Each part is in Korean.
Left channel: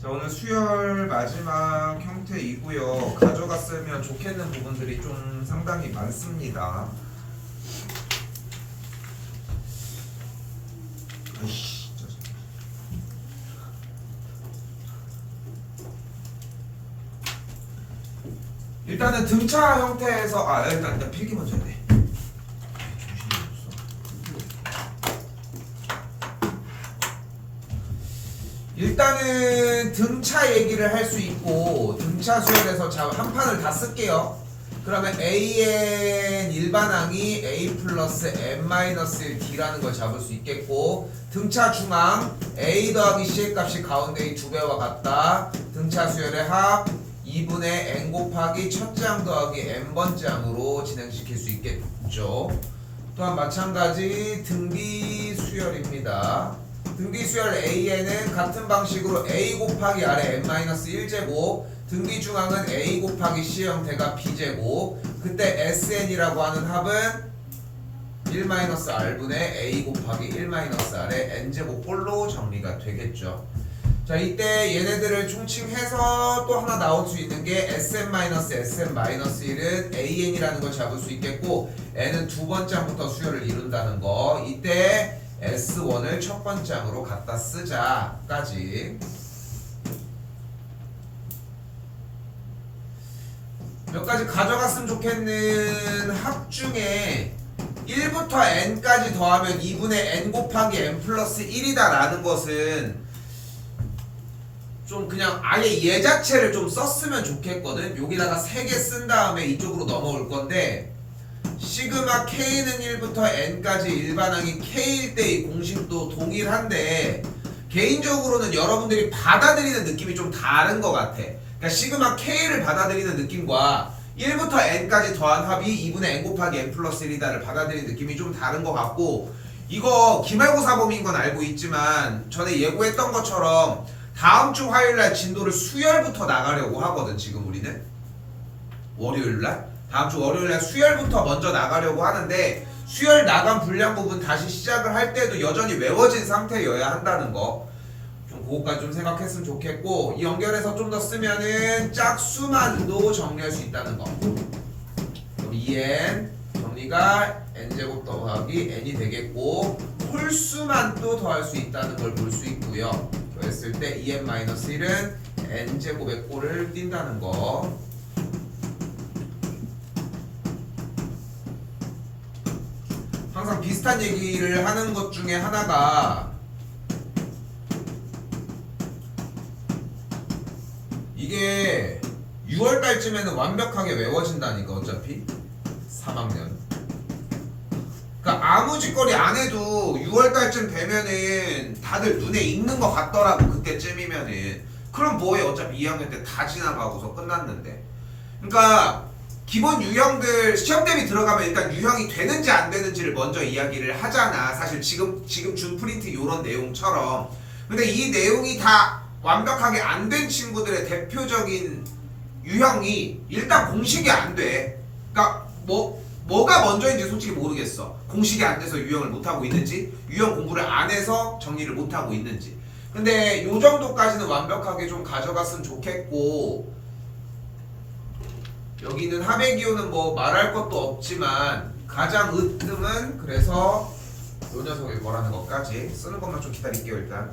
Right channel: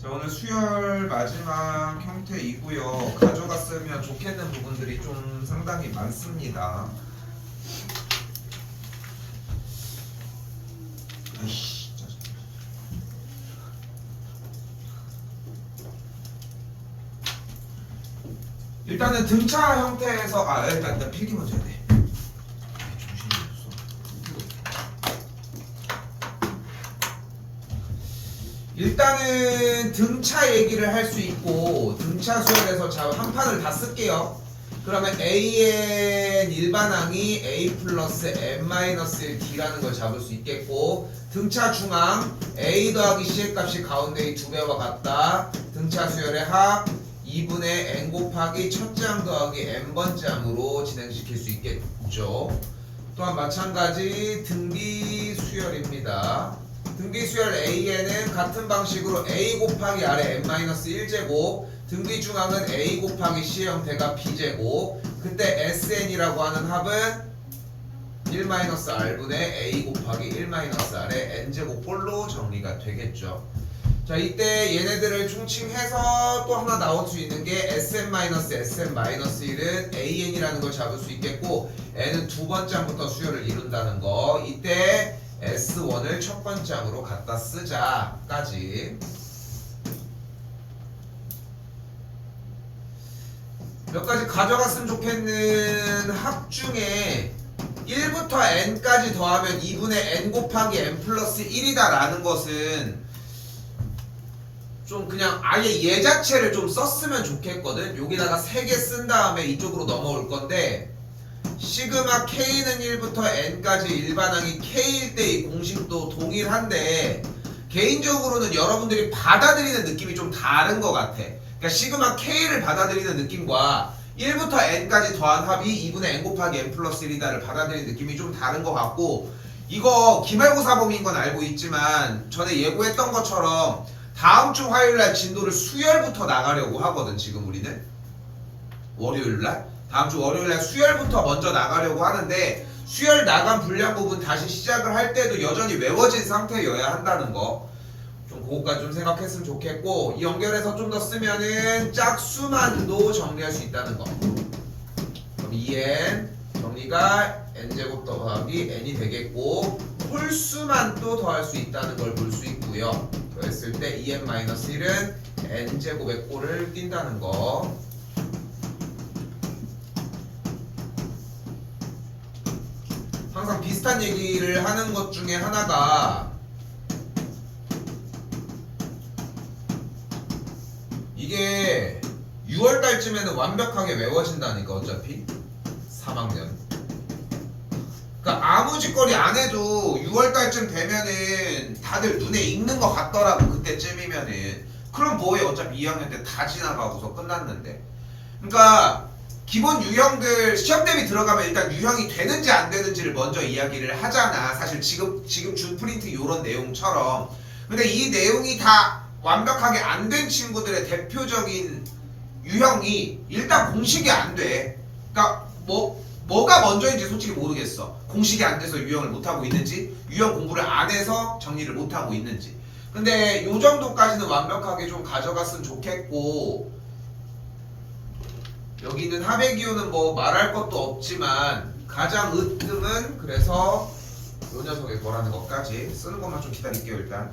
자, 오늘 수열 마지막 형태이고요. 가져갔으면 좋겠는 부분들이 좀 상당히 많습니다. 아이씨, 짜증나. 일단은 등차 형태에서 일단 필기 먼저 해야 돼. 정신이 없어. 일단은 등차 얘기를 할 수 있고, 등차 수열에서 자 한 판을 다 쓸게요. 그러면 AN 일반항이 A 플러스 N-1D라는 걸 잡을 수 있겠고, 등차 중항 A 더하기 C의 값이 가운데의 2배와 같다. 등차 수열의 합 2분의 N 곱하기 첫째 항 더하기 N번째 항으로 진행시킬 수 있겠죠. 또한 마찬가지 등비 수열입니다. 등비 수열 AN은 같은 방식으로 A 곱하기 아래 N-1제곱, 등비 중항은 A 곱하기 C의 형태가 B제곱, 그때 SN이라고 하는 합은 1-R분의 A 곱하기 1-R의 N제곱꼴로 정리가 되겠죠. 자, 이때 얘네들을 총칭해서 또 하나 나올 수 있는 게 SM-SM-1은 AN이라는 걸 잡을 수 있겠고, N은 두 번째 항부터 수열을 이룬다는 거. 이때 S1을 첫 번째 항으로 갖다 쓰자까지. 몇 가지 가져갔으면 좋겠는 합 중에 1부터 n까지 더하면 2분의 n 곱하기 n 플러스 1이다 라는 것은 좀 그냥 아예 얘 자체를 좀 썼으면 좋겠거든. 여기다가 3개 쓴 다음에 이쪽으로 넘어올 건데, 시그마 k는 1부터 n까지 일반항이 k일 때의 공식도 동일한데 개인적으로는 여러분들이 받아들이는 느낌이 좀 다른 것 같아. 그러니까 시그마 k를 받아들이는 느낌과 1부터 n까지 더한 합이 2분의 n 곱하기 n 플러스 1이다를 받아들이는 느낌이 좀 다른 것 같고, 이거 기말고사 범위인 건 알고 있지만 전에 예고했던 것처럼 다음 주 화요일날 진도를 수열부터 나가려고 하거든. 지금 우리는 월요일날, 다음 주 월요일날 수열부터 먼저 나가려고 하는데, 수열 나간 분량 부분 다시 시작을 할 때도 여전히 외워진 상태여야 한다는 거, 좀 그거까지 좀 생각했으면 좋겠고, 이 연결해서 좀 더 쓰면은 짝수만도 정리할 수 있다는 거. 그럼 2n 정리가 n제곱 더하기 n이 되겠고, 홀수만도 더할 수 있다는 걸 볼 수 있고요. 그랬을 때 2n-1은 n제곱의 꼴을 띈다는 거. 항상 비슷한 얘기를 하는 것 중에 하나가, 이게 6월달쯤에는 완벽하게 외워진다니까. 어차피 3학년, 그러니까 아무 짓거리 안 해도 6월달쯤 되면은 다들 눈에 익는 것 같더라고. 그때쯤이면은. 그럼 뭐해, 어차피 2학년 때 다 지나가고서 끝났는데. 그러니까 기본 유형들 시험 대비 들어가면 일단 유형이 되는지 안 되는지를 먼저 이야기를 하잖아. 사실 지금 준 프린트 요런 내용처럼. 근데 이 내용이 다 완벽하게 안 된 친구들의 대표적인 유형이 일단 공식이 안 돼. 그러니까 뭐가 먼저인지 솔직히 모르겠어. 공식이 안 돼서 유형을 못하고 있는지, 유형 공부를 안 해서 정리를 못하고 있는지. 근데 요 정도까지는 완벽하게 좀 가져갔으면 좋겠고, 여기는 합의 기호는 뭐 말할 것도 없지만 가장 으뜸은, 그래서 요 녀석이 뭐라는 것까지 쓰는 것만 좀 기다릴게요. 일단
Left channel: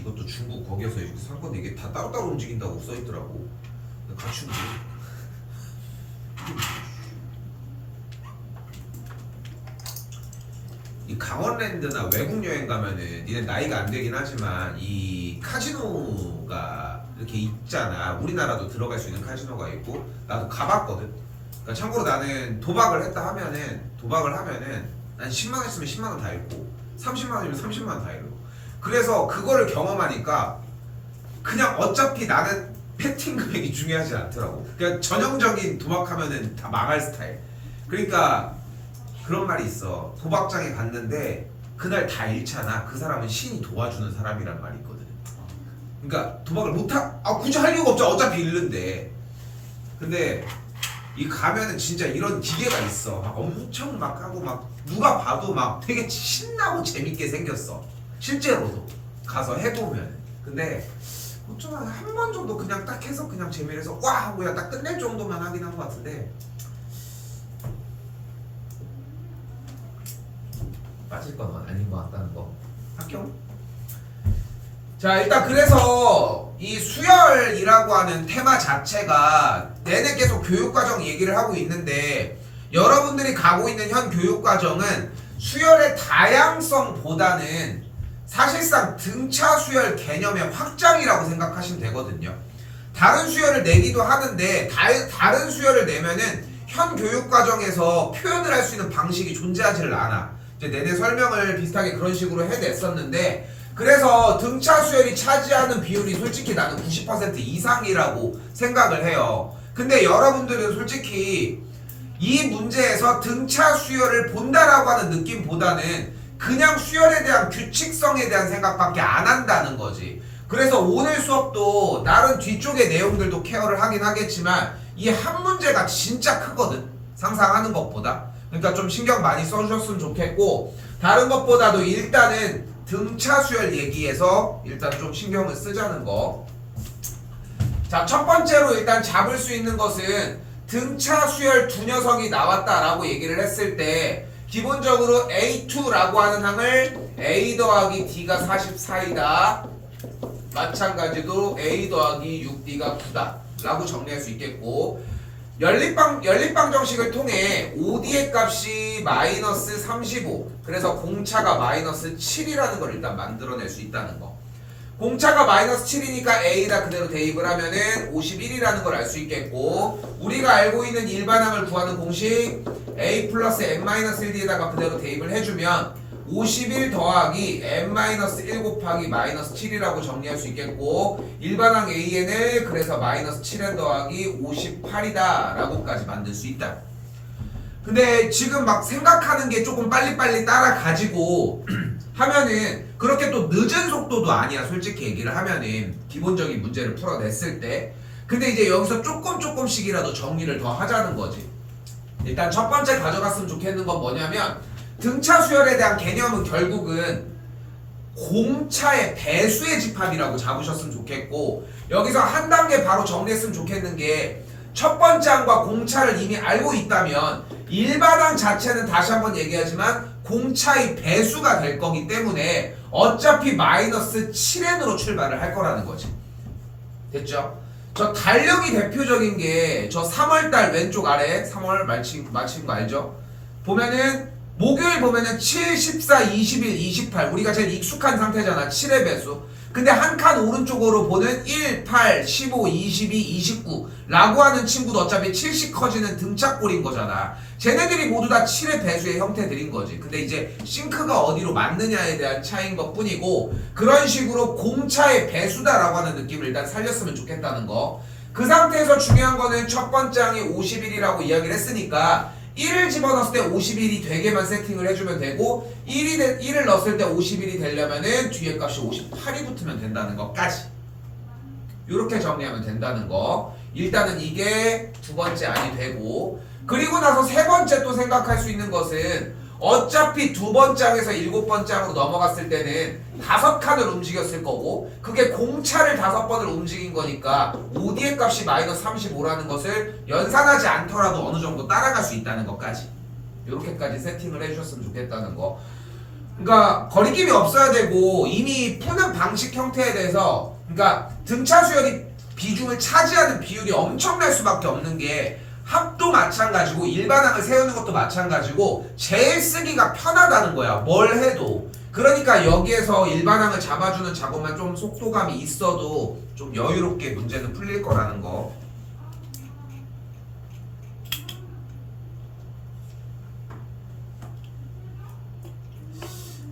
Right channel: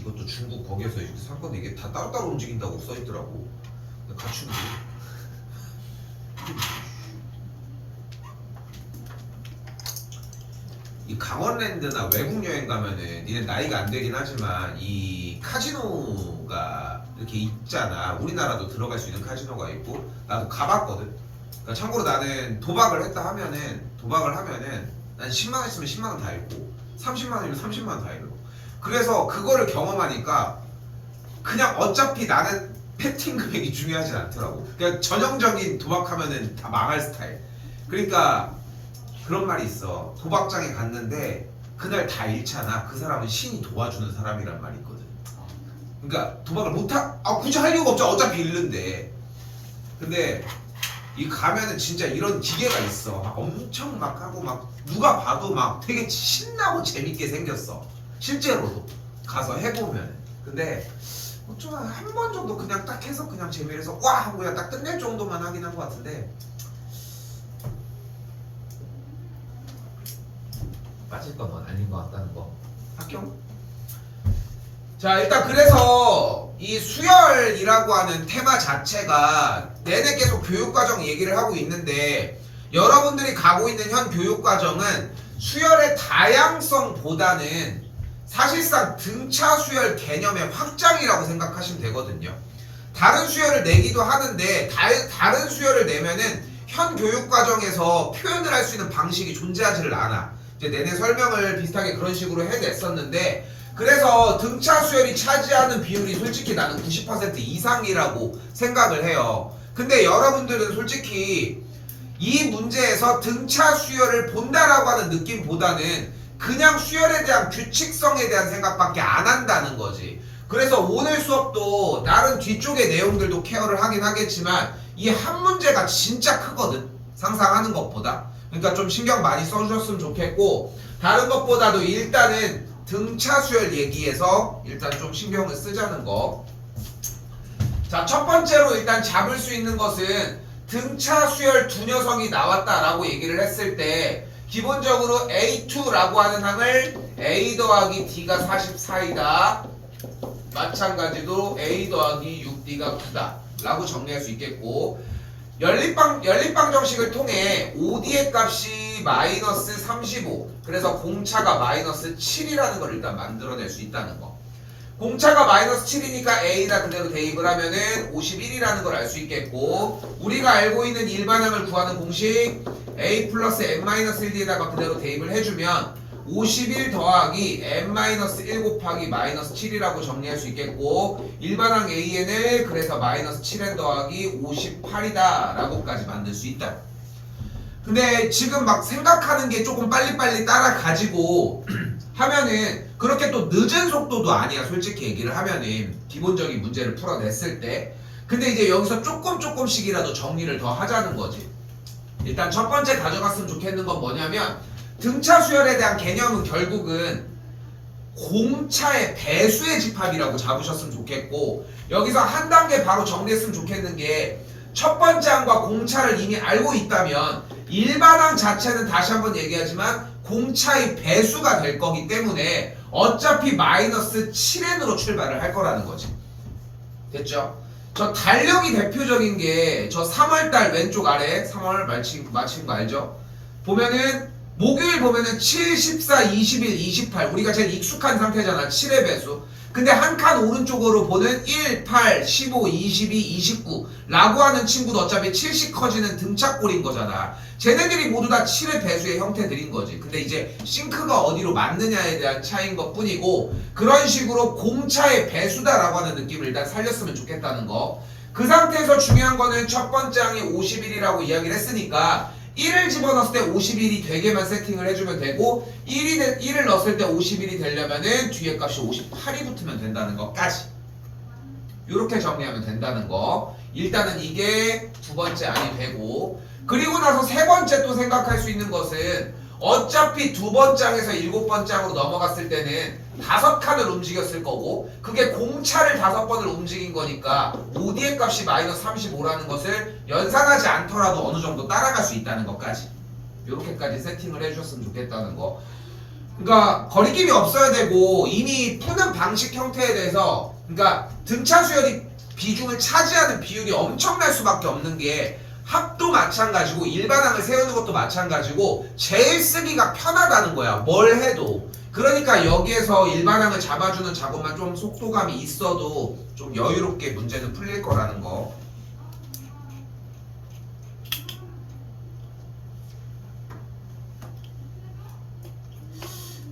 이것도 중국 거기에서 산 건데 이게 다 따로따로 움직인다고 써있더라고. 같이 움직여. 이 강원랜드나 외국 여행 가면은, 니네 나이가 안 되긴 하지만 이 카지노가 이렇게 있잖아. 우리나라도 들어갈 수 있는 카지노가 있고, 나도 가봤거든. 그러니까 참고로 나는 도박을 하면은 난 10만원 있으면 10만원 다 잃고, 30만원이면 30만원 다 잃고. 그래서 그거를 경험하니까 그냥 어차피 나는 패팅 금액이 중요하진 않더라고. 그냥 전형적인 도박하면은 다 망할 스타일. 그러니까 그런 말이 있어. 도박장에 갔는데 그날 다 잃잖아. 그 사람은 신이 도와주는 사람이란 말이 있거든. 그러니까 도박을 굳이 할 이유가 없죠. 어차피 잃는데. 근데 이 가면은 진짜 이런 기계가 있어. 엄청 막 하고 막 누가 봐도 막 되게 신나고 재밌게 생겼어. 실제로도 가서 해보면. 근데 좀 한 번 정도 그냥 딱 해서 그냥 재미를 와 하고 그냥 딱 끝낼 정도만 하긴 한 것 같은데 빠질 건 아닌 것 같다는 거. 합격? 자, 일단 그래서 이 수열이라고 하는 테마 자체가 내내 계속 교육과정 얘기를 하고 있는데 여러분들이 가고 있는 현 교육과정은 수열의 다양성보다는 사실상 등차 수열 개념의 확장이라고 생각하시면 되거든요. 다른 수열을 내기도 하는데 다른 수열을 내면은 현 교육과정에서 표현을 할 수 있는 방식이 존재하지를 않아. 이제 내내 설명을 비슷하게 그런 식으로 해냈었는데 그래서 등차 수열이 차지하는 비율이 솔직히 나는 90% 이상이라고 생각을 해요. 근데 여러분들은 솔직히 이 문제에서 등차 수열을 본다라고 하는 느낌보다는 그냥 수열에 대한 규칙성에 대한 생각밖에 안 한다는 거지. 그래서 오늘 수업도 다른 뒤쪽의 내용들도 케어를 하긴 하겠지만 이 한 문제가 진짜 크거든. 상상하는 것보다. 그러니까 좀 신경 많이 써주셨으면 좋겠고 다른 것보다도 일단은 등차 수열 얘기에서 일단 좀 신경을 쓰자는 거. 자, 첫 번째로 일단 잡을 수 있는 것은 등차 수열 두 녀석이 나왔다라고 얘기를 했을 때 기본적으로 A2라고 하는 항을 A 더하기 D가 44이다. 마찬가지로 A 더하기 6D가 9다 라고 정리할 수 있겠고 연립방정식을 통해 OD의 값이 마이너스 35 그래서 공차가 마이너스 7이라는 걸 일단 만들어낼 수 있다는 거. 공차가 마이너스 7이니까 A다 그대로 대입을 하면은 51이라는 걸 알 수 있겠고 우리가 알고 있는 일반항을 구하는 공식 A 플러스 n-1D에다가 그대로 대입을 해주면 51 더하기 n-1 곱하기 마이너스 7이라고 정리할 수 있겠고 일반항 AN을 그래서 마이너스 7n 더하기 58이다 라고까지 만들 수 있다. 근데 지금 막 생각하는 게 조금 빨리빨리 따라가지고 하면은 그렇게 또 늦은 속도도 아니야. 솔직히 얘기를 하면은 기본적인 문제를 풀어냈을 때. 근데 이제 여기서 조금씩이라도 정리를 더 하자는 거지. 일단 첫 번째 가져갔으면 좋겠는 건 뭐냐면 등차 수열에 대한 개념은 결국은 공차의 배수의 집합이라고 잡으셨으면 좋겠고 여기서 한 단계 바로 정리했으면 좋겠는 게 첫 번째 항과 공차를 이미 알고 있다면 일반항 자체는 다시 한번 얘기하지만 공차의 배수가 될 거기 때문에 어차피 마이너스 7n으로 출발을 할 거라는 거지. 됐죠? 저 달력이 대표적인 게 저 3월달 왼쪽 아래 3월 마친 거 알죠? 보면은 목요일 보면은 7, 14, 21, 28 우리가 제일 익숙한 상태잖아. 7의 배수. 근데 한 칸 오른쪽으로 보는 1, 8, 15, 22, 29 라고 하는 친구도 어차피 7씩 커지는 등차꼴인 거잖아. 쟤네들이 모두 다 7의 배수의 형태들인 거지. 근데 이제 싱크가 어디로 맞느냐에 대한 차이인 것 뿐이고 그런 식으로 공차의 배수다라고 하는 느낌을 일단 살렸으면 좋겠다는 거. 그 상태에서 중요한 거는 첫 번째 항이 51이라고 이야기를 했으니까 1을 집어넣었을 때 51이 되게만 세팅을 해주면 되고 1을 넣었을 때 51이 되려면은 뒤에 값이 58이 붙으면 된다는 것까지 이렇게 정리하면 된다는 거. 일단은 이게 두 번째 안이 되고 그리고 나서 세 번째 또 생각할 수 있는 것은 어차피 두 번째 항에서 일곱 번째 항으로 넘어갔을 때는 5칸을 움직였을 거고 그게 공차를 5번을 움직인 거니까 OD의 값이 마이너스 35라는 것을 연산하지 않더라도 어느 정도 따라갈 수 있다는 것까지 이렇게까지 세팅을 해주셨으면 좋겠다는 거. 그러니까 거리낌이 없어야 되고 이미 푸는 방식 형태에 대해서 그러니까 등차 수열이 비중을 차지하는 비율이 엄청날 수밖에 없는 게 합도 마찬가지고 일반항을 세우는 것도 마찬가지고 제일 쓰기가 편하다는 거야. 뭘 해도. 그러니까 여기에서 일반항을 잡아주는 작업만 좀 속도감이 있어도 좀 여유롭게 문제는 풀릴 거라는 거.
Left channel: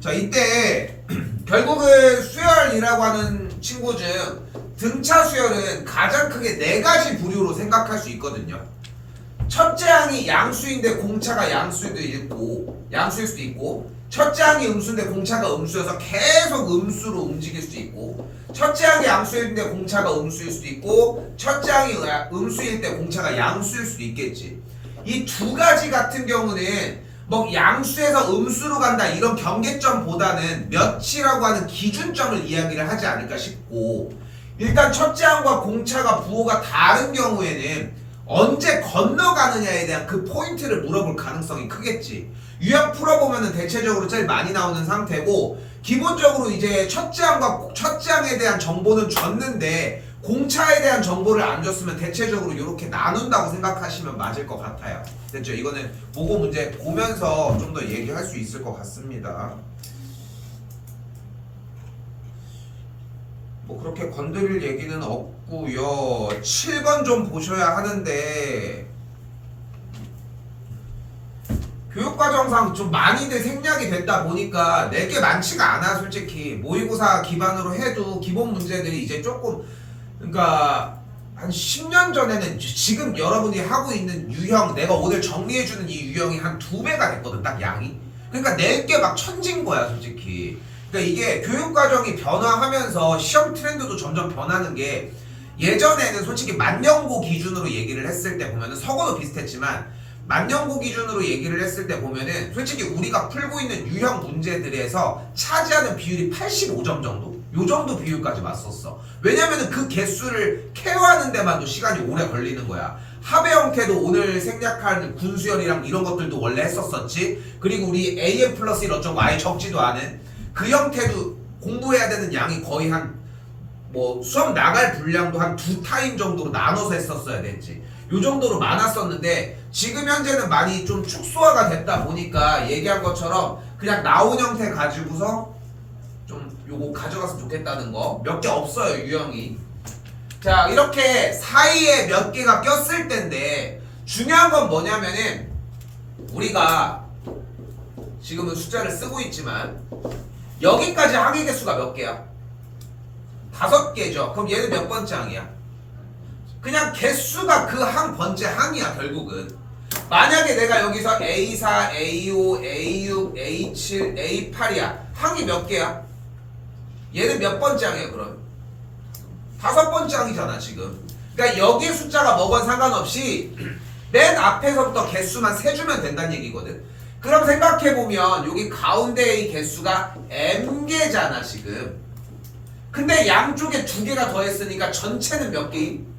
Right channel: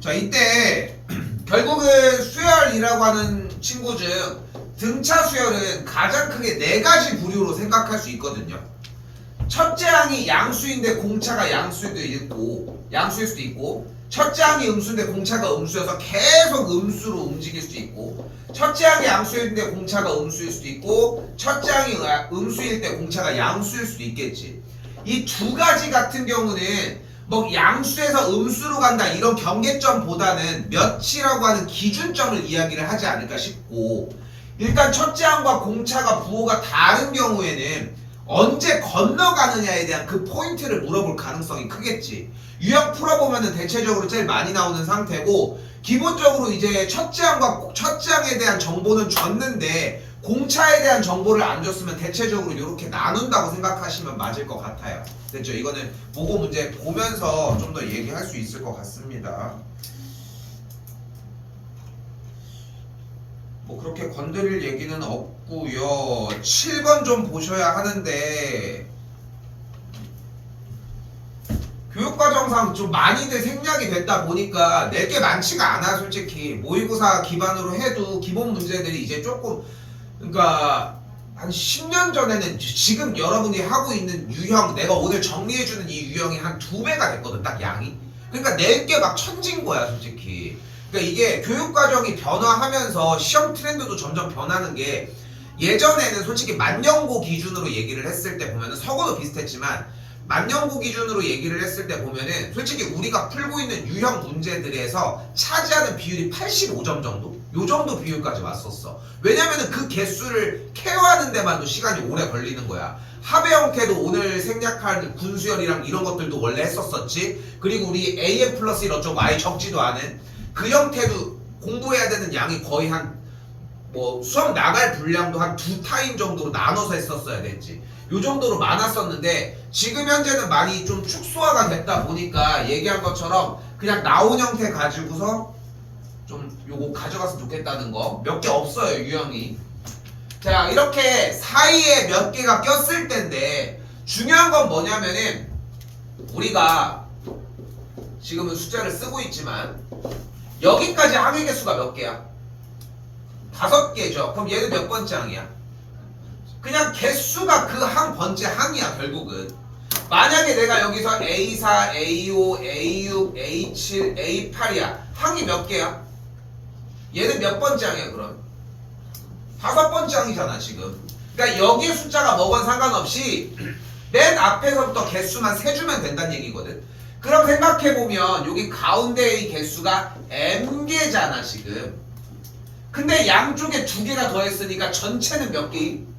자, 이때 결국은 수열이라고 하는 친구 중 등차 수열은 가장 크게 4가지 부류로 생각할 수 있거든요. 첫째 항이 양수인데 공차가 양수일 수도 있고 첫째 항이 음수인데 공차가 음수여서 계속 음수로 움직일 수도 있고 첫째 항이 양수인데 공차가 음수일 수도 있고 첫째 항이 음수일 때 공차가 양수일 수도 있겠지. 이 두 가지 같은 경우는 뭐 양수에서 음수로 간다 이런 경계점보다는 몇이라고 하는 기준점을 이야기를 하지 않을까 싶고, 일단 첫째 항과 공차가 부호가 다른 경우에는 언제 건너가느냐에 대한 그 포인트를 물어볼 가능성이 크겠지. 유형 풀어보면은 대체적으로 제일 많이 나오는 상태고, 기본적으로 이제 첫째 항에 대한 정보는 줬는데 공차에 대한 정보를 안 줬으면 대체적으로 이렇게 나눈다고 생각하시면 맞을 것 같아요. 됐죠? 이거는 모고 문제 보면서 좀 더 얘기할 수 있을 것 같습니다. 뭐 그렇게 건드릴 얘기는 없고요. 7번 좀 보셔야 하는데, 교육과정상 좀 많이들 생략이 됐다 보니까 낼 게 많지가 않아. 솔직히 모의고사 기반으로 해도 기본 문제들이 이제 조금, 그러니까 한 10년 전에는 지금 여러분이 하고 있는 유형, 내가 오늘 정리해주는 이 유형이 한 2배가 됐거든, 딱 양이. 그러니까 낼 게 막 천진 거야 솔직히. 그러니까 이게 교육과정이 변화하면서 시험 트렌드도 점점 변하는 게, 예전에는 솔직히 만년고 기준으로 얘기를 했을 때 보면은 서고도 비슷했지만 만년고 기준으로 얘기를 했을 때 보면은 솔직히 우리가 풀고 있는 유형 문제들에서 차지하는 비율이 85점 정도? 요 정도 비율까지 왔었어. 왜냐면은 그 개수를 케어하는 데만도 시간이 오래 걸리는 거야. 합의 형태도 오늘 생략할 군수열이랑 이런 것들도 원래 했었었지. 그리고 우리 AM 플러스 1 어쩌고 아예 적지도 않은 그 형태도 공부해야 되는 양이 거의 한 뭐 수업 나갈 분량도 한 2타임 정도로 나눠서 했었어야 됐지. 요 정도로 많았었는데 지금 현재는 많이 좀 축소화가 됐다 보니까 얘기한 것처럼 그냥 나온 형태 가지고서 좀 요거 가져갔으면 좋겠다는 거 몇 개 없어요 유형이. 자, 이렇게 사이에 몇 개가 꼈을 텐데 중요한 건 뭐냐면은 우리가 지금은 숫자를 쓰고 있지만 여기까지 항의 개수가 몇 개야? 5개죠. 그럼 얘는 몇 번째 항이야? 그냥 개수가 그 항 번째 항이야 결국은. 만약에 내가 여기서 A4, A5, A6, A7, A8이야. 항이 몇 개야? 얘는 몇 번째 항이야 그럼? 5번째 항이잖아 지금. 그러니까 여기에 숫자가 뭐건 상관없이 맨 앞에서부터 개수만 세주면 된다는 얘기거든. 그럼 생각해보면 여기 가운데의 개수가 M개잖아 지금. 근데 양쪽에 2개가 더했으니까 전체는 몇 개임?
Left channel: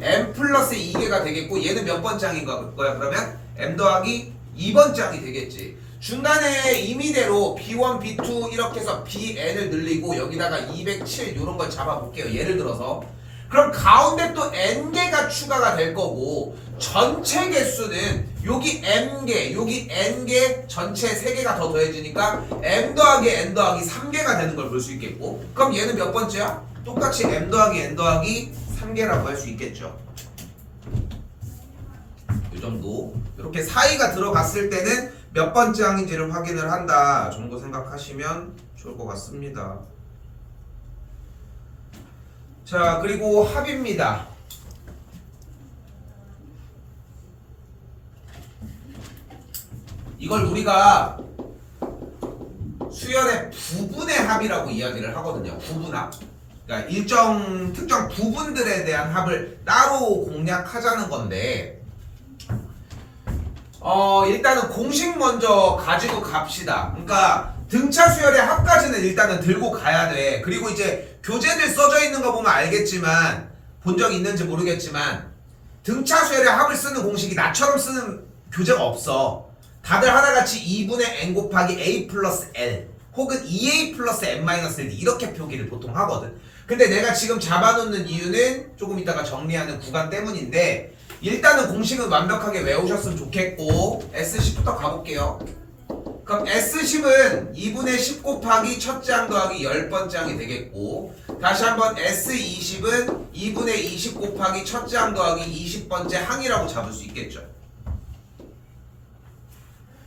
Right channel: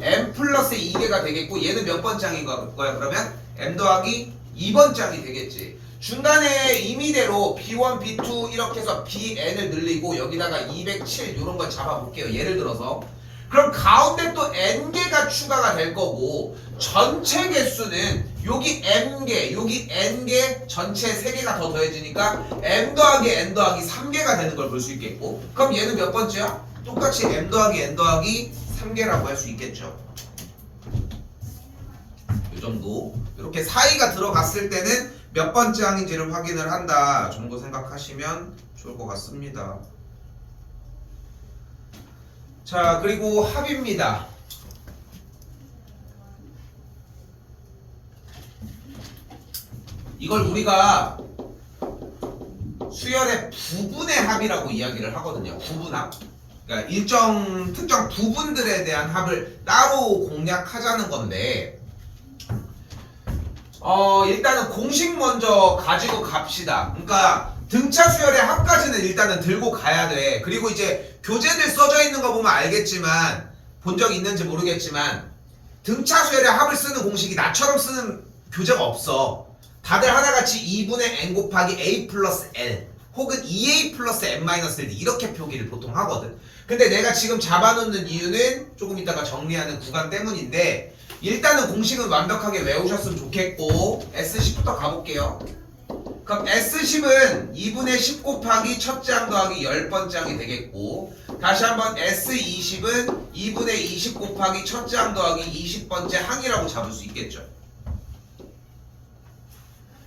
M 플러스 2개가 되겠고, 얘는 몇 번째 항인 거야 그러면? M 더하기 2번째 항이 되겠지. 중간에 임의대로 B1, B2 이렇게 해서 BN을 늘리고 여기다가 207 이런 걸 잡아볼게요. 예를 들어서. 그럼 가운데 또 N개가 추가가 될 거고, 전체 개수는 여기 M개, 여기 N개, 전체 3개가 더 더해지니까 M 더하기 N 더하기 3개가 되는 걸 볼 수 있겠고, 그럼 얘는 몇 번째야? 똑같이 M 더하기 N 더하기 3개라고 할 수 있겠죠. 이 정도. 이렇게 사이가 들어갔을 때는 몇 번째 항인지를 확인을 한다 정도 생각하시면 좋을 것 같습니다. 자, 그리고 합입니다. 이걸 우리가 수열의 부분의 합이라고 이야기를 하거든요. 부분합. 그러니까 일정 특정 부분들에 대한 합을 따로 공략하자는 건데, 일단은 공식 먼저 가지고 갑시다. 그러니까 등차 수열의 합까지는 일단은 들고 가야 돼. 그리고 이제 교재들 써져 있는 거 보면 알겠지만, 본 적 있는지 모르겠지만 등차 수열의 합을 쓰는 공식이 나처럼 쓰는 교재가 없어. 다들 하나같이 2분의 n 곱하기 a 플러스 l 혹은 2a 플러스 n 마이너스 1 이렇게 표기를 보통 하거든. 근데 내가 지금 잡아놓는 이유는 조금 이따가 정리하는 구간 때문인데, 일단은 공식은 완벽하게 외우셨으면 좋겠고, S10부터 가볼게요. 그럼 S10은 2분의 10 곱하기 첫째 항 더하기 10번째 항이 되겠고, 다시 한번 S20은 2분의 20 곱하기 첫째 항 더하기 20번째 항이라고 잡을 수 있겠죠.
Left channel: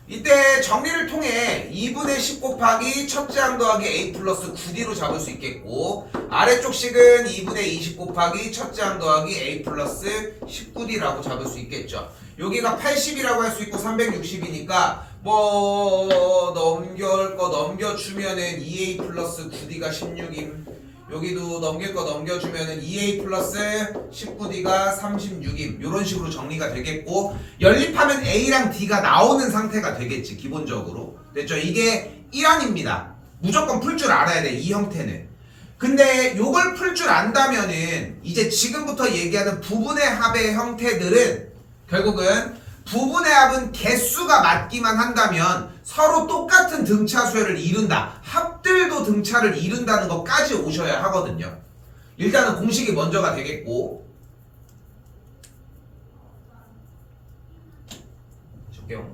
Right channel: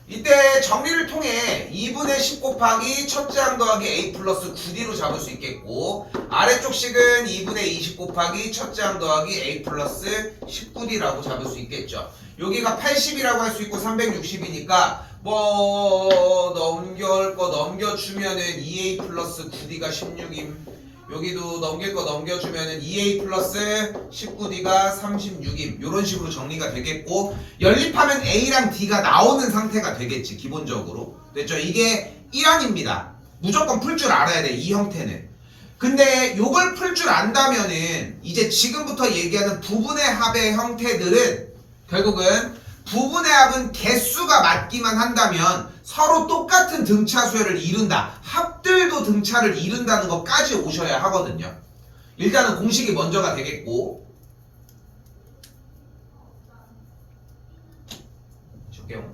이때 정리를 통해 2분의 10 곱하기 첫째 항 더하기 a 플러스 9d로 잡을 수 있겠고, 아래쪽 식은 2분의 20 곱하기 첫째 항 더하기 a 플러스 19d라고 잡을 수 있겠죠. 여기가 80이라고 할 수 있고 360이니까 뭐 넘겨주면은 2a 플러스 9d가 16임, 여기도 넘길 거 넘겨주면은 2a 플러스 19d가 36임. 이런 식으로 정리가 되겠고, 연립하면 a랑 d가 나오는 상태가 되겠지, 기본적으로. 됐죠? 이게 1안입니다. 무조건 풀 줄 알아야 돼, 이 형태는. 근데 요걸 풀 줄 안다면은 이제 지금부터 얘기하는 부분의 합의 형태들은 결국은 부분의 합은 개수가 맞기만 한다면 서로 똑같은 등차 수열을 이룬다. 합들도 등차를 이룬다는 것까지 오셔야 하거든요. 일단은 공식이 먼저가 되겠고, 줄게요.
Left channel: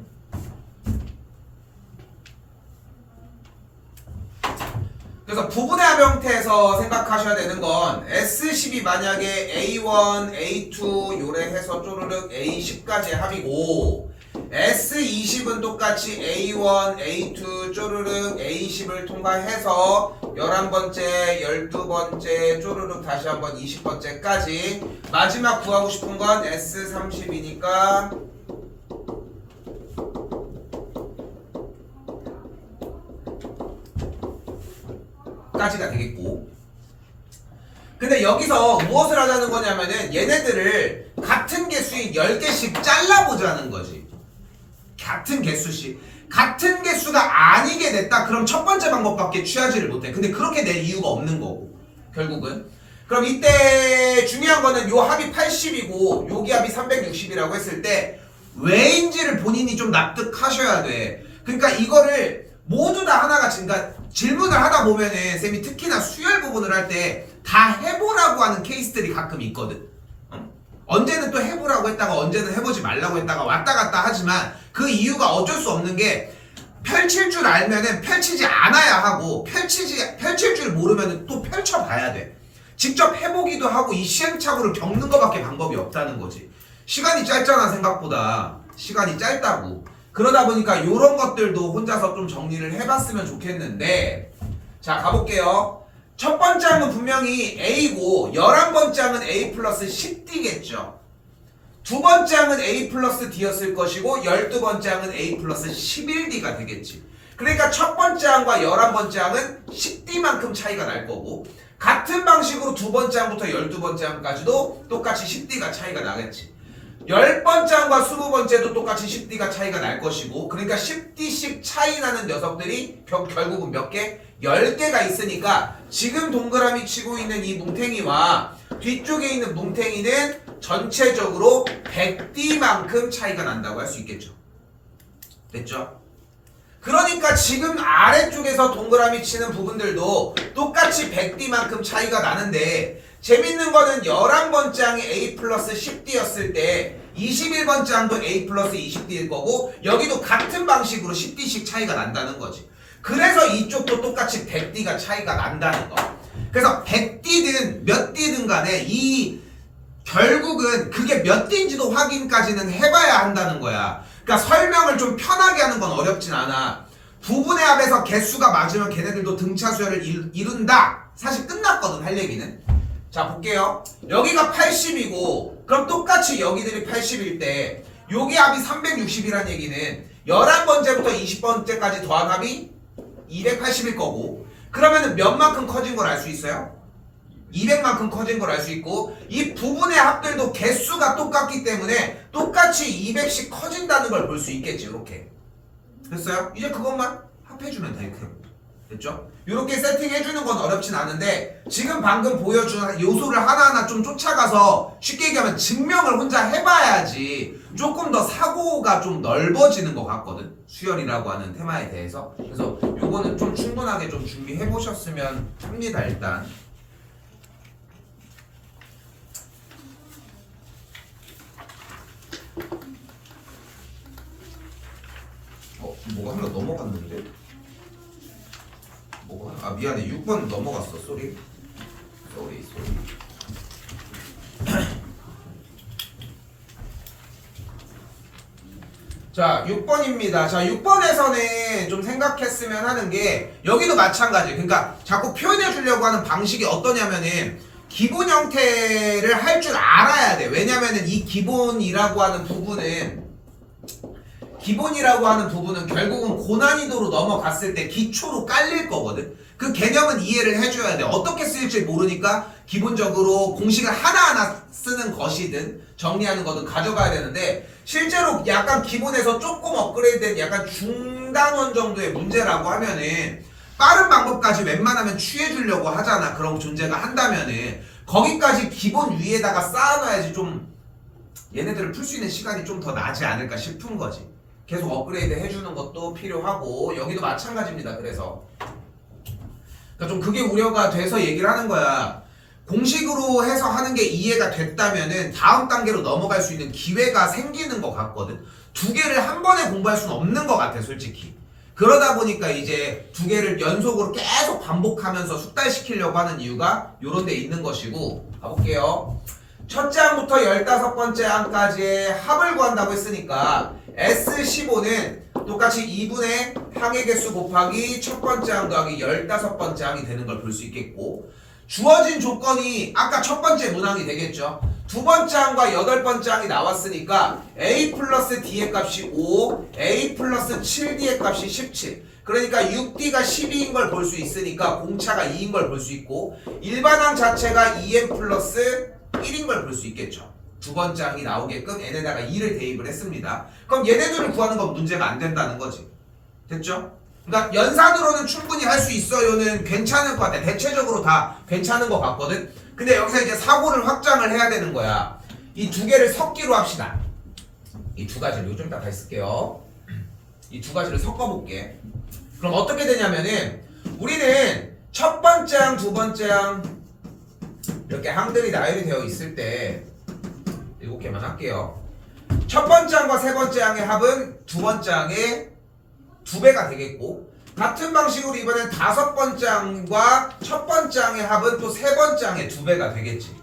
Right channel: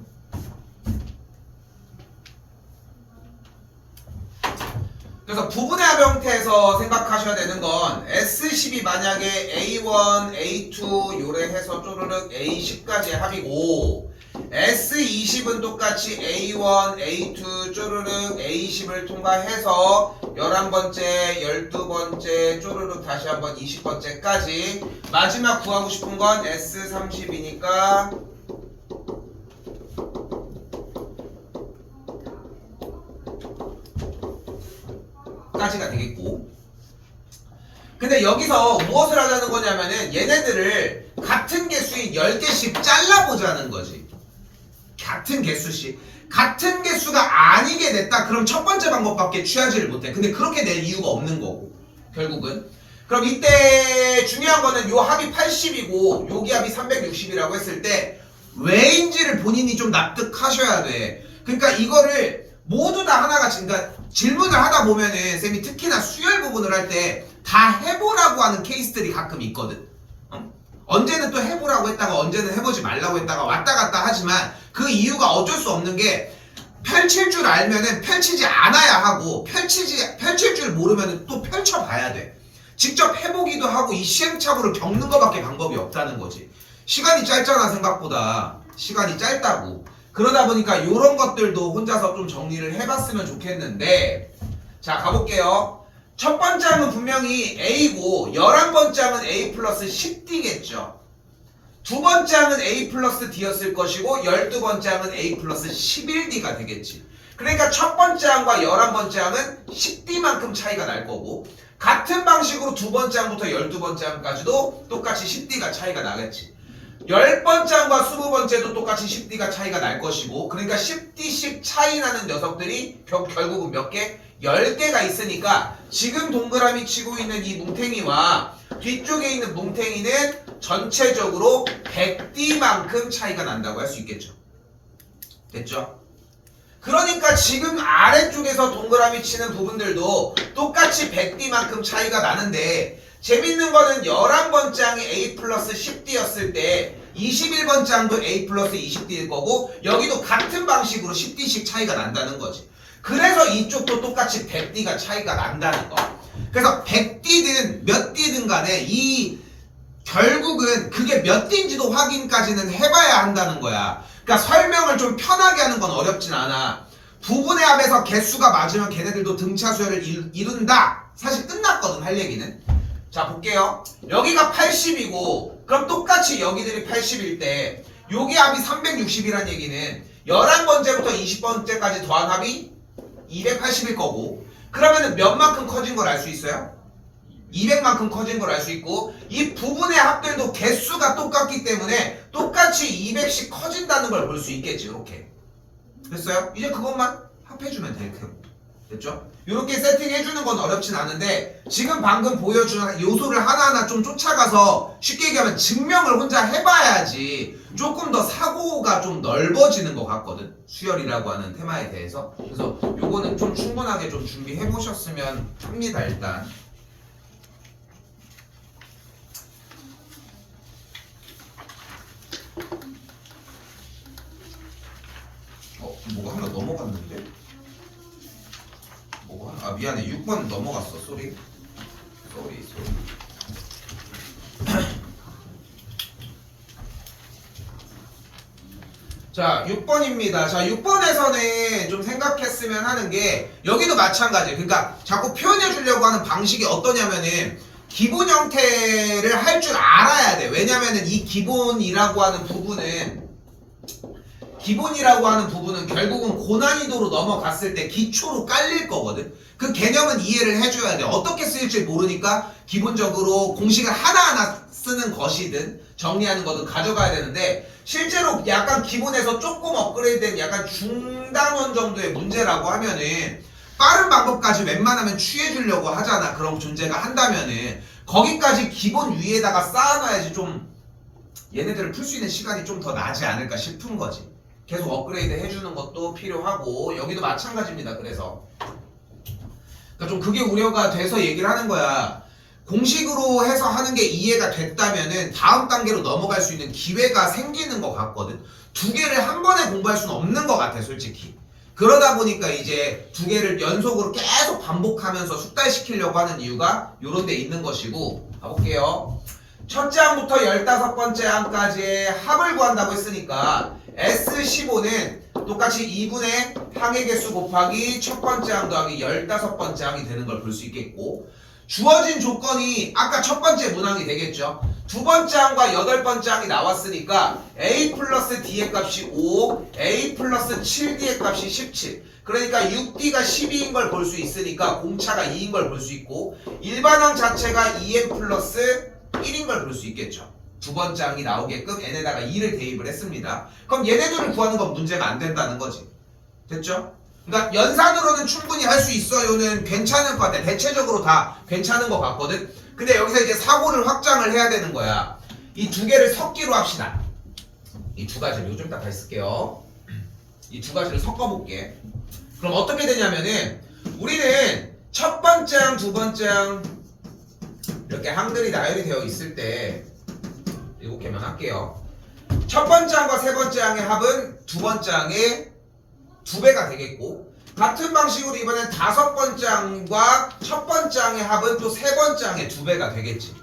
그래서 부분의 합 형태에서 생각하셔야 되는 건 S10이 만약에 A1, A2 요래 해서 쪼르륵 A10까지 합이고, S20은 똑같이 A1, A2 쪼르륵 A10을 통과해서 11번째, 12번째 쪼르륵 다시 한번 20번째까지 마지막 구하고 싶은 건 S30이니까 까지가 되겠고, 근데 여기서 무엇을 하자는 거냐면은 얘네들을 같은 개수의 10개씩 잘라보자는 거지. 같은 개수씩. 같은 개수가 아니게 됐다 그럼 첫 번째 방법밖에 취하지를 못해. 근데 그렇게 낼 이유가 없는 거고, 결국은. 그럼 이때 중요한 거는 요 합이 80이고 요기 합이 360이라고 했을 때 왜인지를 본인이 좀 납득하셔야 돼. 그러니까 이거를 모두 다 하나같이, 그러니까 질문을 하다 보면은 쌤이 특히나 수열 부분을 할 때 다 해보라고 하는 케이스들이 가끔 있거든. 언제는 또 해보라고 했다가 언제는 해보지 말라고 했다가 왔다 갔다 하지만 그 이유가 어쩔 수 없는 게, 펼칠 줄 알면은 펼치지 않아야 하고, 펼칠 줄 모르면은 또 펼쳐봐야 돼. 직접 해보기도 하고 이 시행착오를 겪는 것밖에 방법이 없다는 거지. 시간이 짧잖아, 생각보다. 시간이 짧다고. 그러다 보니까 이런 것들도 혼자서 좀 정리를 해봤으면 좋겠는데, 자 가볼게요. 첫 번째 항은 분명히 A고 11번째 항은 A 플러스 10D겠죠. 두 번째 항은 A 플러스 D였을 것이고 12번째 항은 A 플러스 11D가 되겠지. 그러니까 첫 번째 항과 11번째 항은 10D만큼 차이가 날 거고, 같은 방식으로 두 번째 항부터 12번째 항까지도 똑같이 10D가 차이가 나겠지. 10번째 항과 20번째도 똑같이 10D가 차이가 날 것이고, 그러니까 10D씩 차이 나는 녀석들이 결국은 몇 개? 10개가 있으니까 지금 동그라미 치고 있는 이 뭉탱이와 뒤쪽에 있는 뭉탱이는 전체적으로 100D만큼 차이가 난다고 할 수 있겠죠. 됐죠? 그러니까 지금 아래쪽에서 동그라미 치는 부분들도 똑같이 100D만큼 차이가 나는데, 재밌는 거는 11번째 항이 A 플러스 10D였을 때 21번째 항도 A 플러스 20D일 거고, 여기도 같은 방식으로 10D씩 차이가 난다는 거지. 그래서 이쪽도 똑같이 100D가 차이가 난다는 거. 그래서 100D든 몇 D든 간에 이 결국은 그게 몇 D인지도 확인까지는 해봐야 한다는 거야. 그러니까 설명을 좀 편하게 하는 건 어렵진 않아. 부분의 합에서 개수가 맞으면 걔네들도 등차 수열을 이룬다. 사실 끝났거든, 할 얘기는. 자 볼게요. 여기가 80이고 그럼 똑같이 여기들이 80일 때 여기 합이 360이란 얘기는 11번째부터 20번째까지 더한 합이 280일 거고, 그러면은 몇 만큼 커진 걸 알 수 있어요? 200만큼 커진 걸 알 수 있고, 이 부분의 합들도 개수가 똑같기 때문에 똑같이 200씩 커진다는 걸 볼 수 있겠지. 이렇게 됐어요? 이제 그것만 합해주면 될 테고. 됐죠? 이렇게 세팅해주는 건 어렵진 않은데, 지금 방금 보여준 요소를 하나하나 좀 쫓아가서 쉽게 얘기하면 증명을 혼자 해봐야지 조금 더 사고가 좀 넓어지는 것 같거든, 수열이라고 하는 테마에 대해서. 그래서 요거는 좀 충분하게 좀 준비해 보셨으면 합니다. 일단 뭐가 하나 넘어갔는데? 뭐가? 아 미안해, 6번 넘어갔어. 쏘리. 자 6번입니다. 자 6번에서는 좀 생각했으면 하는 게, 여기도 마찬가지. 그러니까 자꾸 표현해 주려고 하는 방식이 어떠냐면은 기본 형태를 할 줄 알아야 돼. 왜냐면은 이 기본이라고 하는 부분은 기본이라고 하는 부분은 결국은 고난이도로 넘어갔을 때 기초로 깔릴 거거든. 그 개념은 이해를 해줘야 돼. 어떻게 쓰일지 모르니까 기본적으로 공식을 하나하나 쓰는 것이든 정리하는 거든 가져가야 되는데, 실제로 약간 기본에서 조금 업그레이드된 약간 중단원 정도의 문제라고 하면은 빠른 방법까지 웬만하면 취해주려고 하잖아. 그런 존재가 한다면은 거기까지 기본 위에다가 쌓아놔야지 좀 얘네들을 풀 수 있는 시간이 좀 더 나지 않을까 싶은 거지. 계속 업그레이드 해주는 것도 필요하고, 여기도 마찬가지입니다. 그래서 그러니까 좀 그게 우려가 돼서 얘기를 하는 거야. 공식으로 해서 하는 게 이해가 됐다면은 다음 단계로 넘어갈 수 있는 기회가 생기는 것 같거든. 두 개를 한 번에 공부할 수는 없는 것 같아, 솔직히. 그러다 보니까 이제 두 개를 연속으로 계속 반복하면서 숙달시키려고 하는 이유가 요런 데 있는 것이고, 가볼게요. 첫째 항부터 15번째 항까지의 합을 구한다고 했으니까 S15는 똑같이 2분의 항의 개수 곱하기 첫 번째 항 더하기 15번째 항이 되는 걸 볼 수 있겠고, 주어진 조건이 아까 첫 번째 문항이 되겠죠. 두 번째 항과 8번째 항이 나왔으니까 A 플러스 D의 값이 5, A 플러스 7D의 값이 17. 그러니까 6D가 12인 걸 볼 수 있으니까 공차가 2인 걸 볼 수 있고, 일반항 자체가 2N 플러스 1인 걸 볼 수 있겠죠. 두 번째 항이 나오게끔 n에다가 2를 대입을 했습니다. 그럼 얘네들을 구하는 건 문제가 안 된다는 거지. 됐죠? 그러니까 연산으로는 충분히 할 수 있어요는 괜찮을 것 같아. 대체적으로 다 괜찮은 것 같거든. 근데 여기서 이제 사고를 확장을 해야 되는 거야. 이 두 개를 섞기로 합시다. 이 두 가지를 요즘 이따 다시 쓸게요. 이 두 가지를 섞어볼게. 그럼 어떻게 되냐면은 우리는 첫 번째 항, 두 번째 항 이렇게 항들이 나열이 되어 있을 때 7개만 할게요. 첫 번째 항과 세 번째 항의 합은 두 번째 항의 2배가 되겠고, 같은 방식으로 이번엔 다섯 번째 항과 첫 번째 항의 합은 또 세 번째 항의 2배가 되겠지.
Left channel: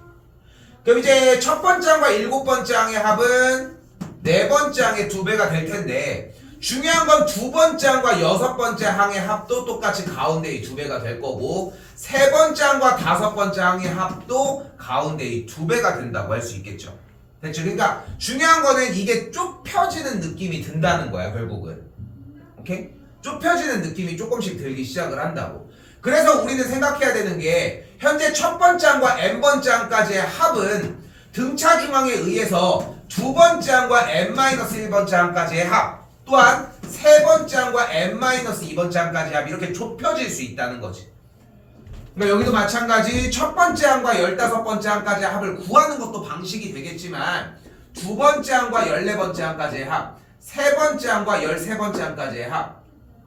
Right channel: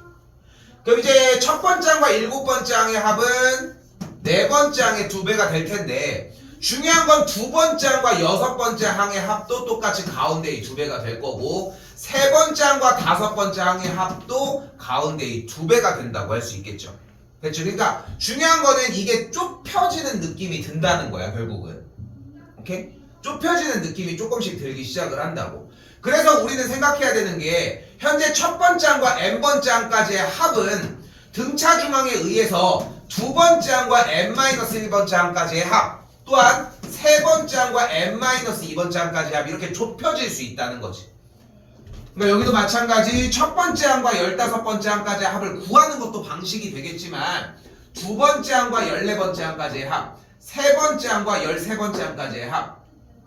그럼 이제 첫 번째 항과 7번째 항의 합은 네 번째 항의 2배가 될 텐데, 중요한 건 두 번째 항과 6번째 항의 합도 똑같이 가운데의 2배가 될 거고, 세 번째 항과 다섯 번째 항의 합도 가운데의 2배가 된다고 할 수 있겠죠. 됐죠? 그러니까 중요한 거는 이게 좁혀지는 느낌이 든다는 거야, 결국은. 오케이? 좁혀지는 느낌이 조금씩 들기 시작을 한다고. 그래서 우리는 생각해야 되는 게, 현재 첫 번째 항과 n번째 항까지의 합은 등차 중항에 의해서 두 번째 항과 n-1번째 항까지의 합, 또한 세 번째 항과 n-2번째 항까지의 합, 이렇게 좁혀질 수 있다는 거지. 그러니까 여기도 마찬가지 첫 번째 항과 15번째 항까지의 합을 구하는 것도 방식이 되겠지만, 두 번째 항과 14번째 항까지의 합, 세 번째 항과 13번째 항까지의 합,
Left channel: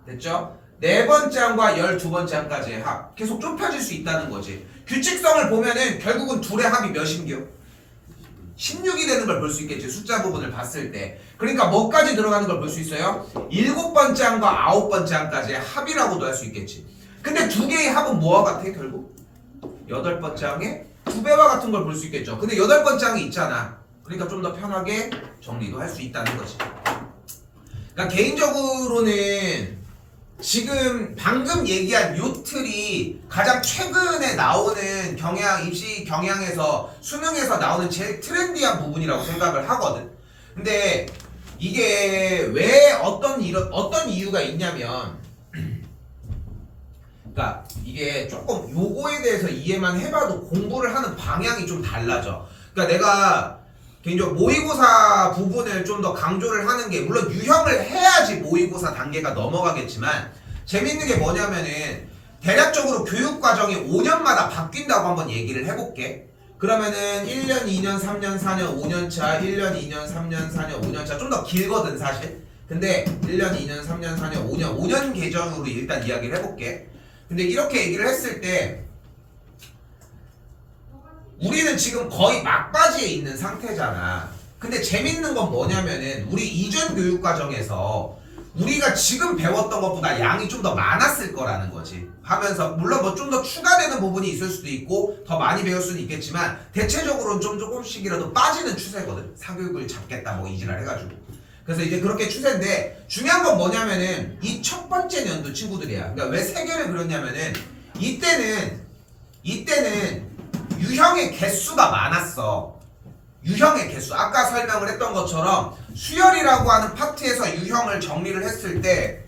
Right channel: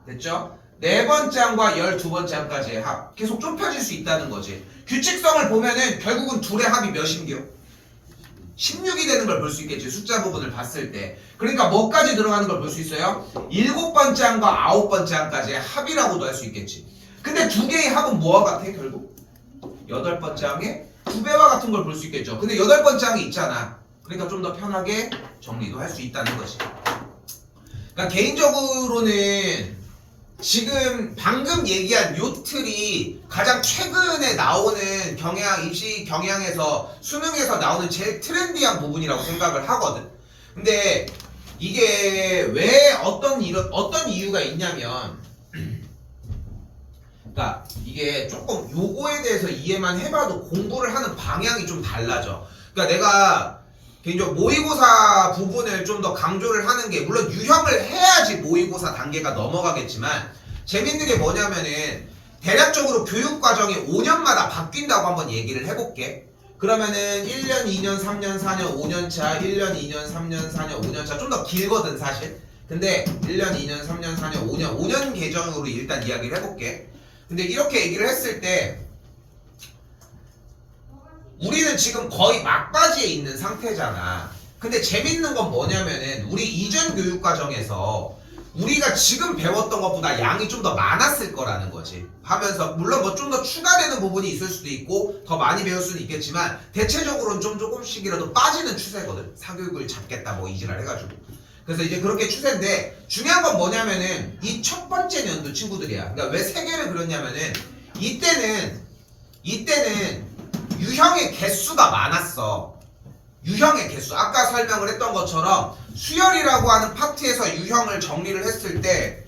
됐죠? 네 번째 항과 12번째 항까지의 합, 계속 좁혀질 수 있다는 거지. 규칙성을 보면은 결국은 둘의 합이 몇인겨? 16이 되는 걸 볼 수 있겠지, 숫자 부분을 봤을 때. 그러니까 뭐까지 들어가는 걸 볼 수 있어요? 7번째 항과 9번째 항까지의 합이라고도 할 수 있겠지. 근데 두 개의 합은 뭐와 같아, 결국? 8번째 항의 2배와 같은 걸 볼 수 있겠죠. 근데 8번째 항이 있잖아. 그러니까 좀 더 편하게 정리도 할 수 있다는 거지. 그러니까 개인적으로는 지금 방금 얘기한 요 틀이 가장 최근에 나오는 경향, 입시 경향에서, 수능에서 나오는 제일 트렌디한 부분이라고 생각을 하거든. 근데 이게 왜 어떤 이유가 있냐면, 그러니까 이게 조금 요거에 대해서 이해만 해봐도 공부를 하는 방향이 좀 달라져. 그러니까 내가 개인적으로 모의고사 부분을 좀 더 강조를 하는 게, 물론 유형을 해야지 모의고사 단계가 넘어가겠지만, 재밌는 게 뭐냐면은 대략적으로 교육과정이 5년마다 바뀐다고 한번 얘기를 해볼게. 그러면은 1년, 2년, 3년, 4년, 5년차, 1년, 2년, 3년, 4년, 5년차, 좀 더 길거든 사실. 근데 1년, 2년, 3년, 4년, 5년 계정으로 일단 이야기를 해볼게. 근데 이렇게 얘기를 했을 때 우리는 지금 거의 막바지에 있는 상태잖아. 근데 재밌는 건 뭐냐면은 우리 이전 교육 과정에서 우리가 지금 배웠던 것보다 양이 좀 더 많았을 거라는 거지. 하면서 물론 뭐 좀 더 추가되는 부분이 있을 수도 있고 더 많이 배울 수는 있겠지만, 대체적으로는 좀 조금씩이라도 빠지는 추세거든. 사교육을 잡겠다 뭐 이지랄 해가지고. 그래서 이제 그렇게 추세인데, 중요한 건 뭐냐면은 이 첫 번째 년도 친구들이야. 그러니까 왜 3개를 그렸냐면은 이때는 유형의 개수가 많았어. 유형의 개수, 아까 설명을 했던 것처럼 수열이라고 하는 파트에서 유형을 정리를 했을 때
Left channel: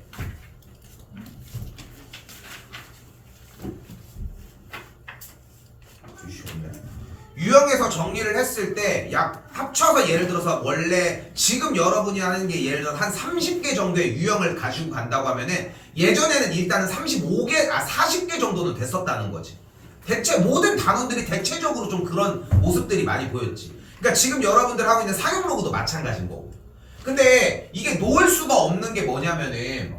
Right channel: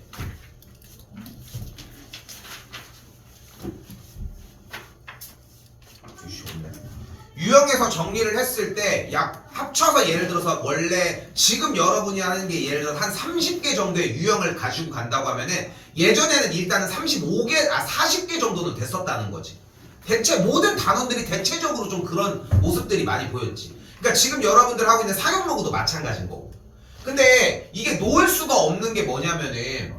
유형에서 정리를 했을 때 약 합쳐서 예를 들어서 원래 지금 여러분이 하는 게 예를 들어서 한 30개 정도의 유형을 가지고 간다고 하면은 예전에는 일단은 40개 정도는 됐었다는 거지. 대체 모든 단원들이 대체적으로 좀 그런 모습들이 많이 보였지. 그러니까 지금 여러분들 하고 있는 사용 로그도 마찬가지인 거고. 근데 이게 놓을 수가 없는 게 뭐냐면은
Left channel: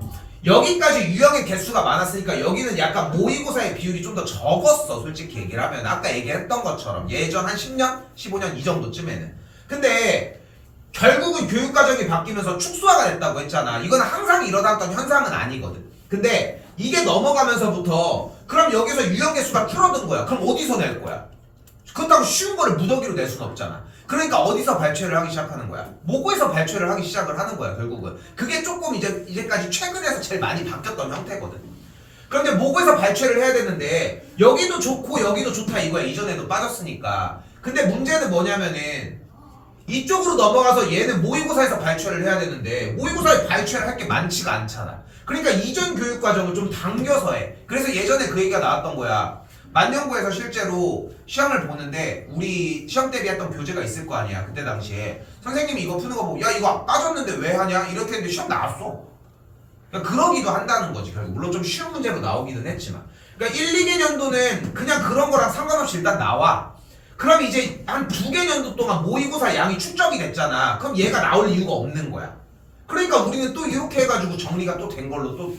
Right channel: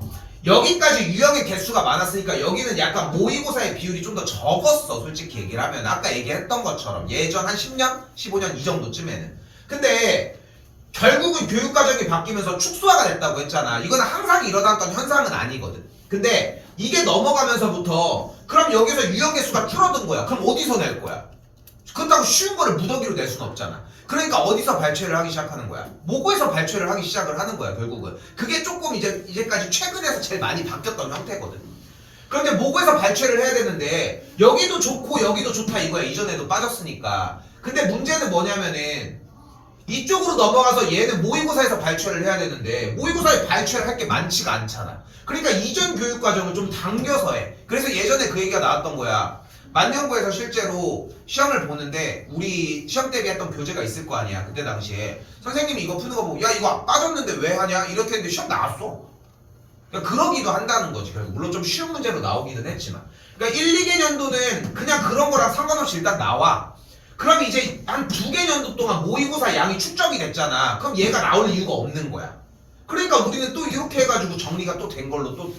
여기까지 유형의 개수가 많았으니까 여기는 약간 모의고사의 비율이 좀 더 적었어. 솔직히 얘기를 하면 아까 얘기했던 것처럼 예전 한 10년, 15년 이 정도쯤에는. 근데 결국은 교육과정이 바뀌면서 축소화가 됐다고 했잖아. 이거는 항상 일어났던 현상은 아니거든. 근데 이게 넘어가면서부터 그럼 여기서 유형 개수가 줄어든 거야. 그럼 어디서 낼 거야? 그렇다고 쉬운 거를 무더기로 낼 수는 없잖아. 그러니까 어디서 발췌를 하기 시작하는 거야? 모고에서 발췌를 하기 시작을 하는 거야. 결국은 그게 조금 이제까지 최근에서 제일 많이 바뀌었던 형태거든. 그런데 모고에서 발췌를 해야 되는데 여기도 좋고 여기도 좋다 이거야. 이전에도 빠졌으니까. 근데 문제는 뭐냐면은 이쪽으로 넘어가서 얘는 모의고사에서 발췌를 해야 되는데 모의고사에 발췌를 할 게 많지가 않잖아. 그러니까 이전 교육과정을 좀 당겨서 해. 그래서 예전에 그 얘기가 나왔던 거야. 만년고에서 실제로 시험을 보는데 우리 시험 대비했던 교재가 있을 거 아니야. 그때 당시에 선생님이 이거 푸는 거 보고 야 이거 빠졌는데 왜 하냐 이렇게 했는데 시험 나왔어. 그러니까 그러기도 한다는 거지. 물론 좀 쉬운 문제로 나오기는 했지만 그러니까 1, 2개년도는 그냥 그런 거랑 상관없이 일단 나와. 그럼 이제 한 2개년도 동안 모의고사 양이 축적이 됐잖아. 그럼 얘가 나올 이유가 없는 거야. 그러니까 우리는 또 이렇게 해가지고 정리가 또 된 걸로 또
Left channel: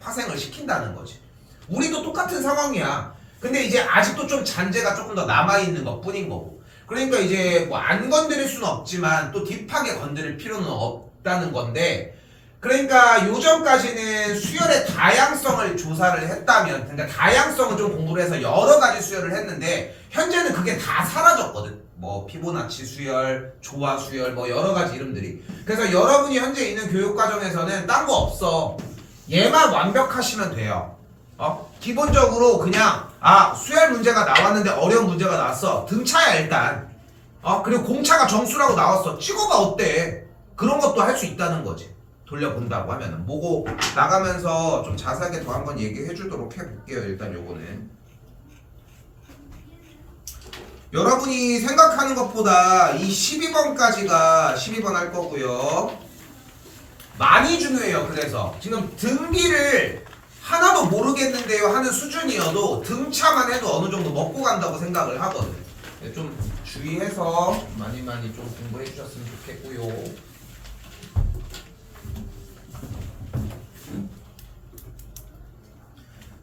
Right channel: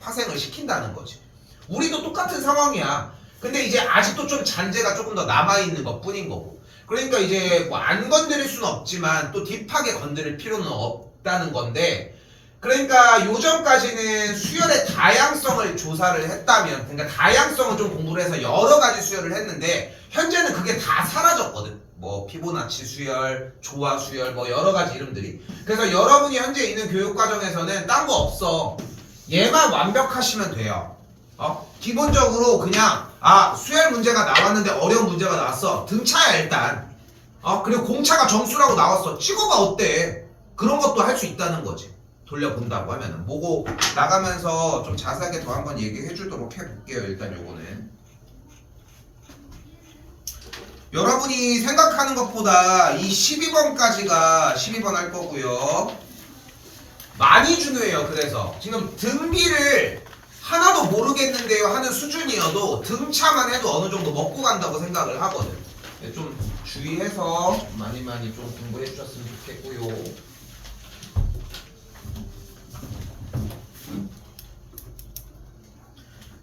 파생을 시킨다는 거지. 우리도 똑같은 상황이야. 근데 이제 아직도 좀 잔재가 조금 더 남아있는 것 뿐인 거고. 그러니까 이제 뭐 안 건드릴 수는 없지만 또 딥하게 건드릴 필요는 없다는 건데, 그러니까 요전까지는 수열의 다양성을 조사를 했다면, 그러니까 다양성을 좀 공부를 해서 여러 가지 수열을 했는데 현재는 그게 다 사라졌거든. 뭐 피보나치 수열, 조화 수열, 뭐 여러 가지 이름들이. 그래서 여러분이 현재 있는 교육 과정에서는 딴 거 없어. 얘만 완벽하시면 돼요. 기본적으로 그냥 수열 문제가 나왔는데 어려운 문제가 나왔어. 등차야 일단. 그리고 공차가 정수라고 나왔어. 찍어봐 어때? 그런 것도 할 수 있다는 거지. 돌려본다고 하면은. 뭐고 나가면서 좀 자세하게 더 한번 얘기해 주도록 해볼게요. 일단 요거는 여러분이 생각하는 것보다 이 12번까지가 12번 할 거고요. 많이 중요해요. 그래서 지금 등비를 하나도 모르겠는데요 하는 수준이어도 등차만 해도 어느 정도 먹고 간다고 생각을 하거든. 좀 주의해서 많이 좀 공부해 주셨으면 좋겠고요.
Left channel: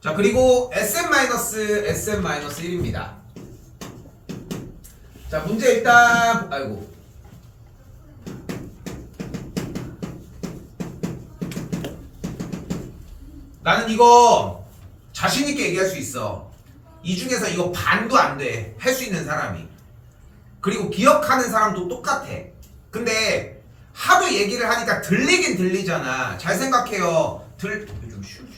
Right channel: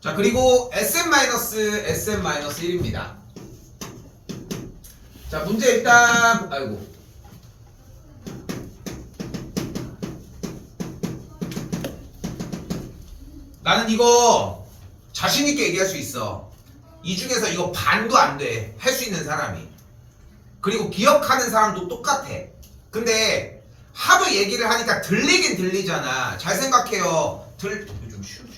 자, 그리고 SM-1입니다. 자, 문제 일단 나는 이거 자신있게 얘기할 수 있어. 이 중에서 이거 반도 안 돼. 할 수 있는 사람이. 그리고 기억하는 사람도 똑같아. 근데 하도 얘기를 하니까 들리긴 들리잖아. 잘 생각해요. 좀 쉬우지.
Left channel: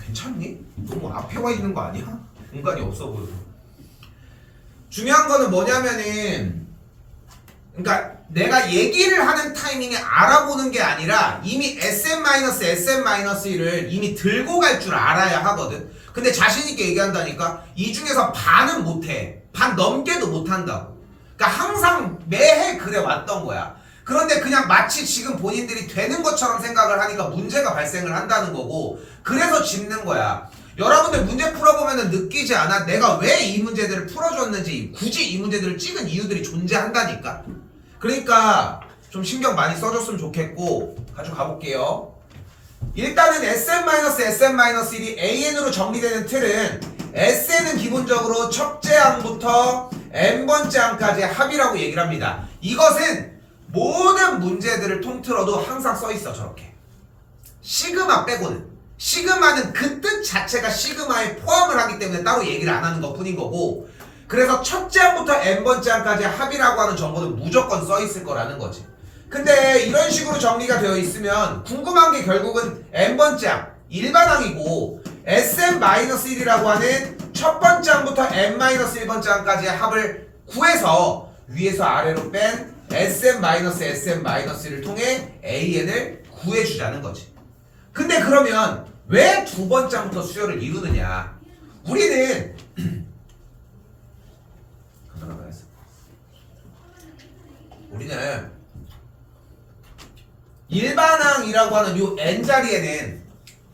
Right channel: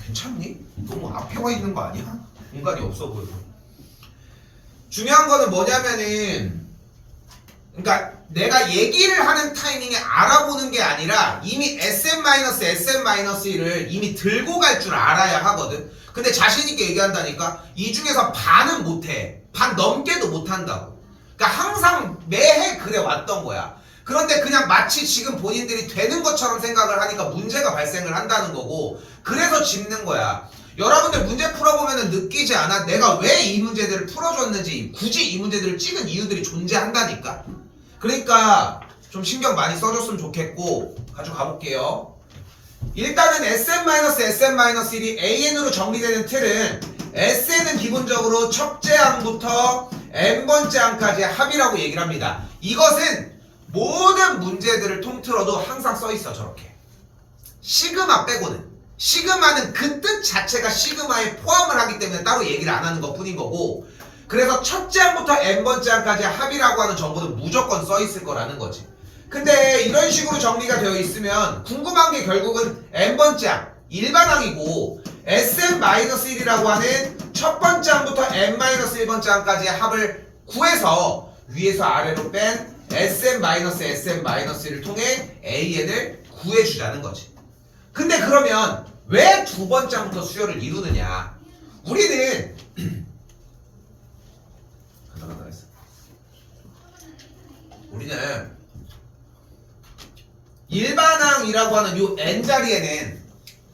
괜찮니? 너무 앞에 와 있는 거 아니야? 공간이 없어 보여서. 중요한 거는 뭐냐면은, 그러니까 내가 얘기를 하는 타이밍에 알아보는 게 아니라 이미 SM-SM-1을 이미 들고 갈 줄 알아야 하거든. 근데 자신있게 얘기한다니까 이 중에서 반은 못해. 반 넘게도 못한다고. 그러니까 항상 매해 그래 왔던 거야. 그런데 그냥 마치 지금 본인들이 되는 것처럼 생각을 하니까 문제가 발생을 한다는 거고, 그래서 짚는 거야. 여러분들 문제 풀어보면 느끼지 않아? 내가 왜 이 문제들을 풀어줬는지, 굳이 이 문제들을 찍은 이유들이 존재한다니까. 그러니까 좀 신경 많이 써줬으면 좋겠고, 가지고 가볼게요. 일단은 SM-SM-1이 AN으로 정리되는 틀은 SN은 기본적으로 첫째 항부터 n번째 항까지의 합이라고 얘기를 합니다. 이것은 모든 문제들을 통틀어도 항상 써있어. 저렇게 시그마 빼고는. 시그마는 그 뜻 자체가 시그마에 포함을 하기 때문에 따로 얘기를 안 하는 것 뿐인 거고, 그래서 첫째 항부터 n번째 항까지 합이라고 하는 정보는 무조건 써있을 거라는 거지. 근데 이런 식으로 정리가 되어 있으면 궁금한 게 결국은 n번째 항, 일반항이고, SM-1이라고 하는 첫 번째 항부터 n-1번째 항까지의 합을 구해서 위에서 아래로 뺀 SM-SM-1을 통해 AN을 구해주자는 거지. 근데 그러면 왜 두 번째부터 수열을 이루느냐? 우리는 일반항이라고 하는 요 n자리에는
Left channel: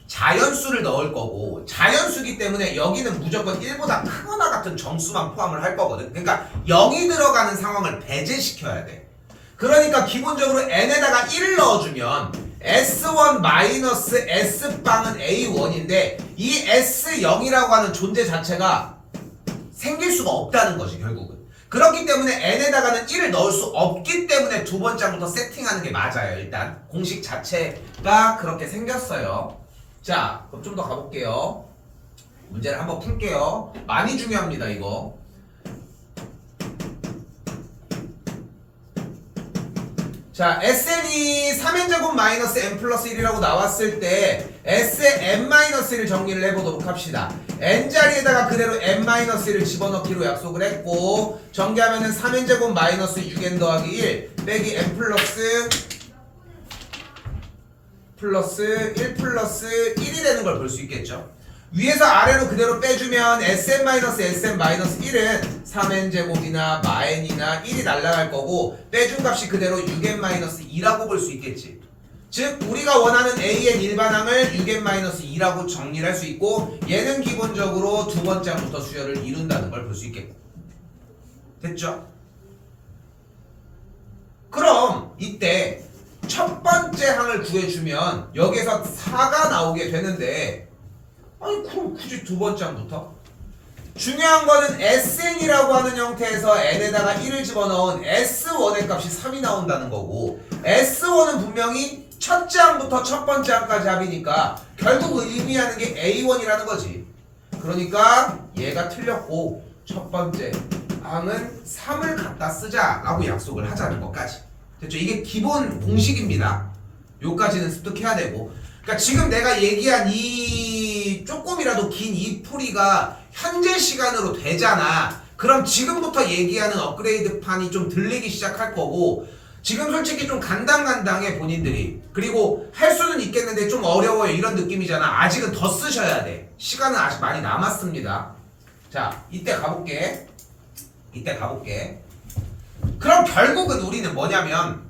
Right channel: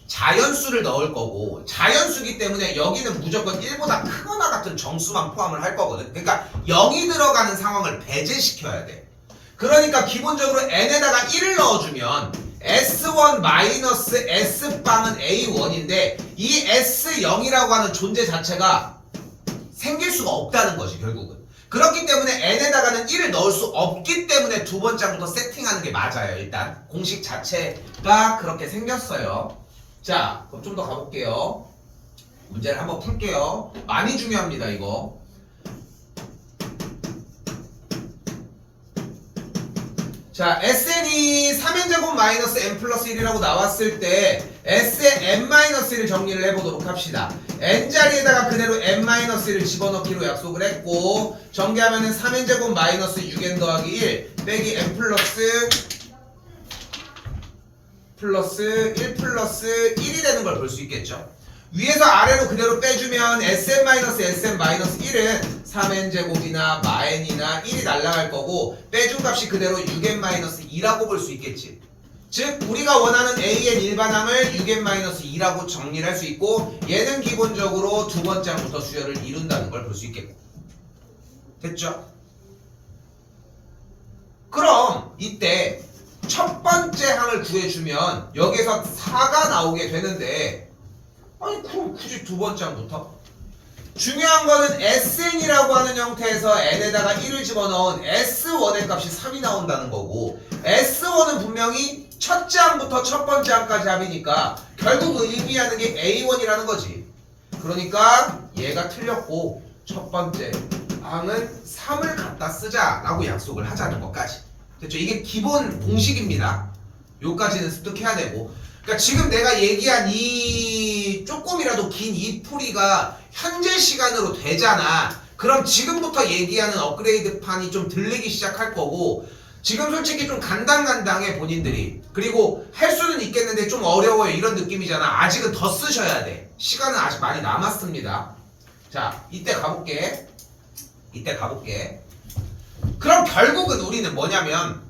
자연수를 넣을 거고, 자연수기 때문에 여기는 무조건 1보다 크거나 같은 정수만 포함을 할 거거든. 그러니까 0이 들어가는 상황을 배제시켜야 돼. 그러니까 기본적으로 n에다가 1을 넣어주면 S1 마이너스 S빵은 A1인데 이 S0이라고 하는 존재 자체가 생길 수가 없다는 거지 결국은. 그렇기 때문에 n에다가는 1을 넣을 수 없기 때문에 두 번째부터 세팅하는 게 맞아요. 일단 공식 자체가 그렇게 생겼어요. 자, 그럼 좀 더 가볼게요. 문제를 한번 풀게요. 많이 중요합니다 이거. 자, SN이 3n제곱 마이너스 n 플러스 1이라고 나왔을 때 SN-1을 정리를 해보도록 합시다. n자리에다가 그대로 n-1을 집어넣기로 약속을 했고, 전개하면은 3n제곱 마이너스 6n 더하기 1 빼기 n 플러스 1 플러스 1이 되는 걸 볼 수 있겠죠. 위에서 아래로 그대로 빼주면 SM-SM-1은 3n제곱이나 마n이나 1이 날라갈 거고, 빼준 값이 그대로 6n-2라고 볼 수 있겠지. 즉 우리가 원하는 AN 일반항을 6n-2라고 정리를 할 수 있고, 얘는 기본적으로 두 번째 항부터 수열을 이룬다는 걸 볼 수 있겠고. 됐죠? 그럼 이때 첫 번째 항을 구해주면 여기서 4가 나오게 되는데, 아니 그럼 굳이 두 번째 항부터? 중요한 거는 SN이라고 하는 형태에서 n에다가 1을 집어넣은 S1의 값이 3이 나온다는 거고, S1은 분명히 첫째 항부터 첫 번째 항까지 합이니까 결국 의미하는 게 A1이라는 거지. 그러니까 얘가 틀렸고 첫 번째 항은 3을 갖다 쓰자라고 약속을 하자는 것까지. 됐죠? 이게 기본 공식입니다. 요까지는 습득해야 되고. 그러니까 지금 내가 얘기한 이 조금이라도 긴 이 풀이가 현재 시간으로 되잖아. 그럼 지금부터 얘기하는 업그레이드 판이 좀 들리기 시작할 거고, 지금 솔직히 좀 간당간당해 본인들이. 그리고 할 수는 있겠는데 좀 어려워요 이런 느낌이잖아. 아직은 더 쓰셔야 돼. 시간은 아직 많이 남았습니다. 자, 이때 가볼게. 그럼 결국은 우리는 뭐냐면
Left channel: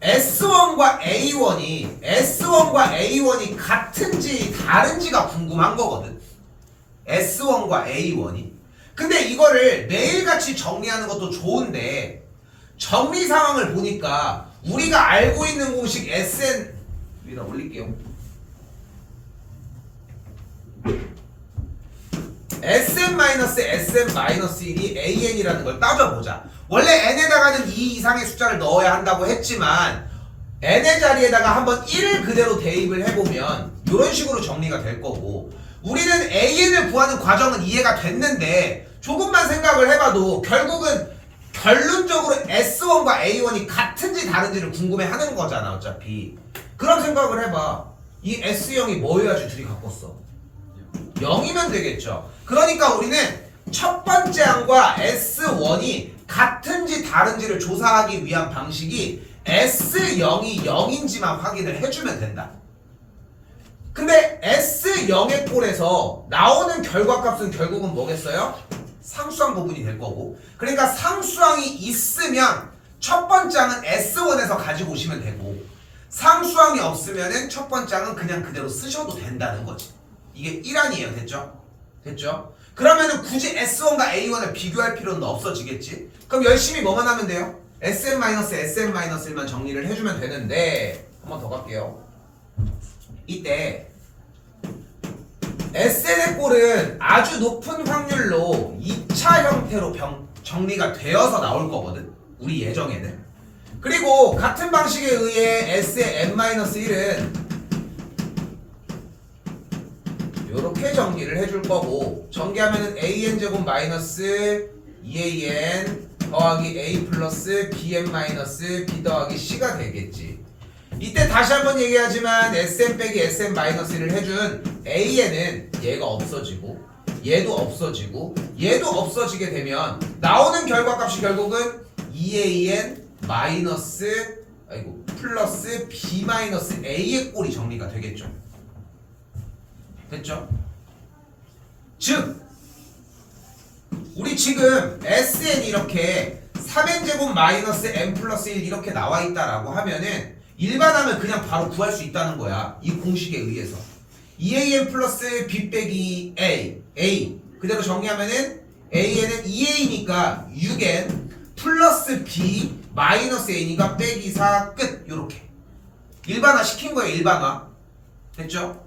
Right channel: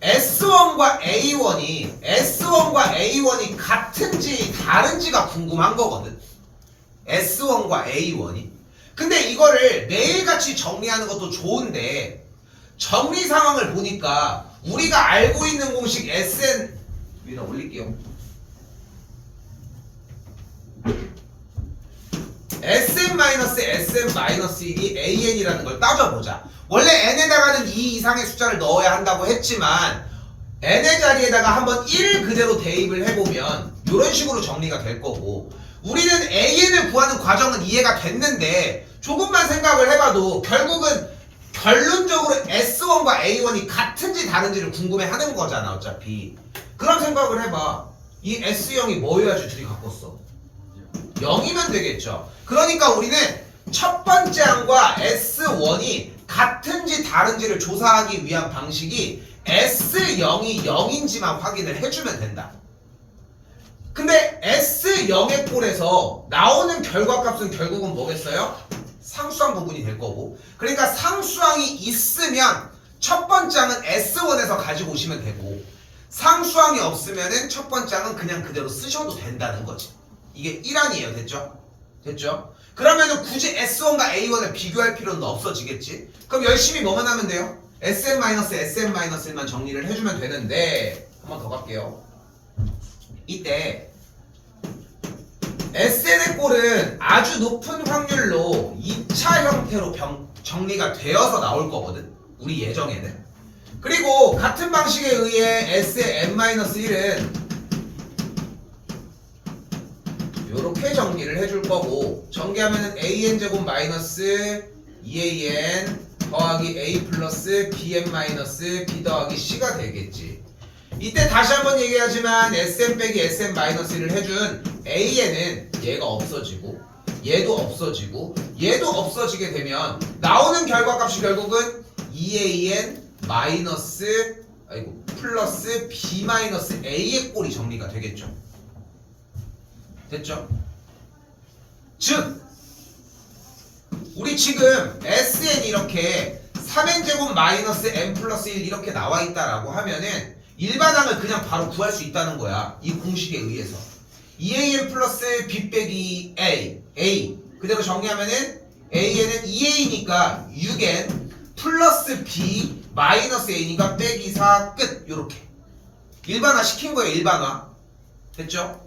S1과 A1이 같은지 다른지가 궁금한 거거든. S1과 A1이. 근데 이거를 매일같이 정리하는 것도 좋은데, 정리 상황을 보니까 우리가 알고 있는 공식 SN 위에다 올릴게요. SM-SM-1이 AN이라는 걸 따져보자. 원래 n에다가는 2 이상의 숫자를 넣어야 한다고 했지만 n의 자리에다가 한번 1을 그대로 대입을 해보면 이런 식으로 정리가 될 거고, 우리는 AN을 구하는 과정은 이해가 됐는데 조금만 생각을 해봐도 결국은 결론적으로 S1과 A1이 같은지 다른지를 궁금해하는 거잖아 어차피. 그럼 생각을 해봐. 이 S0이 뭐여야지 둘이 바꿨어? 0이면 되겠죠. 그러니까 우리는 첫 번째 항과 S1이 같은지 다른지를 조사하기 위한 방식이 S0이 0인지만 확인을 해주면 된다. 근데 S0의 꼴에서 나오는 결과값은 결국은 뭐겠어요? 상수항 부분이 될 거고, 그러니까 상수항이 있으면 첫 번째 항은 S1에서 가지고 오시면 되고, 상수항이 없으면은 첫 번째 항은 그냥 그대로 쓰셔도 된다는 거지. 이게 1항이에요. 됐죠? 그러면은 굳이 S1과 A1을 비교할 필요는 없어지겠지? 그럼 열심히 뭐만 하면 돼요? SM-SM-1만 정리를 해주면 되는데, 한 번 더 갈게요. 이때 SN의 꼴은 아주 높은 확률로 2차 형태로 정리가 되어서 나올 거거든, 우리 예정에는. 그리고 같은 방식에 의해 SM-1은 요렇게 정리를 해줄 거고, 전개하면은 AN제곱 마이너스 2AN 더하기 A 플러스 BN 마이너스 B 더하기 C가 되겠지. 이때 다시 한번 얘기하지만 SM 빼기 SM 마이너스를 해준 AN은 얘가 없어지고, 얘도 없어지고, 얘도 없어지게 되면 나오는 결과값이 결국은 2AN 플러스 B 마이너스 A의 꼴이 정리가 되겠죠. 됐죠? 즉 우리 지금 Sn 이렇게 3n제곱 마이너스 n 플러스 1 이렇게 나와 있다라고 하면은 일반항을 그냥 바로 구할 수 있다는 거야. 이 공식에 의해서 2an 플러스 b 빼기 a 그대로 정리하면은 an은 2a니까 6n 플러스 b 마이너스 a니까 빼기 4 끝. 요렇게 일반화 시킨 거예요. 일반화 됐죠?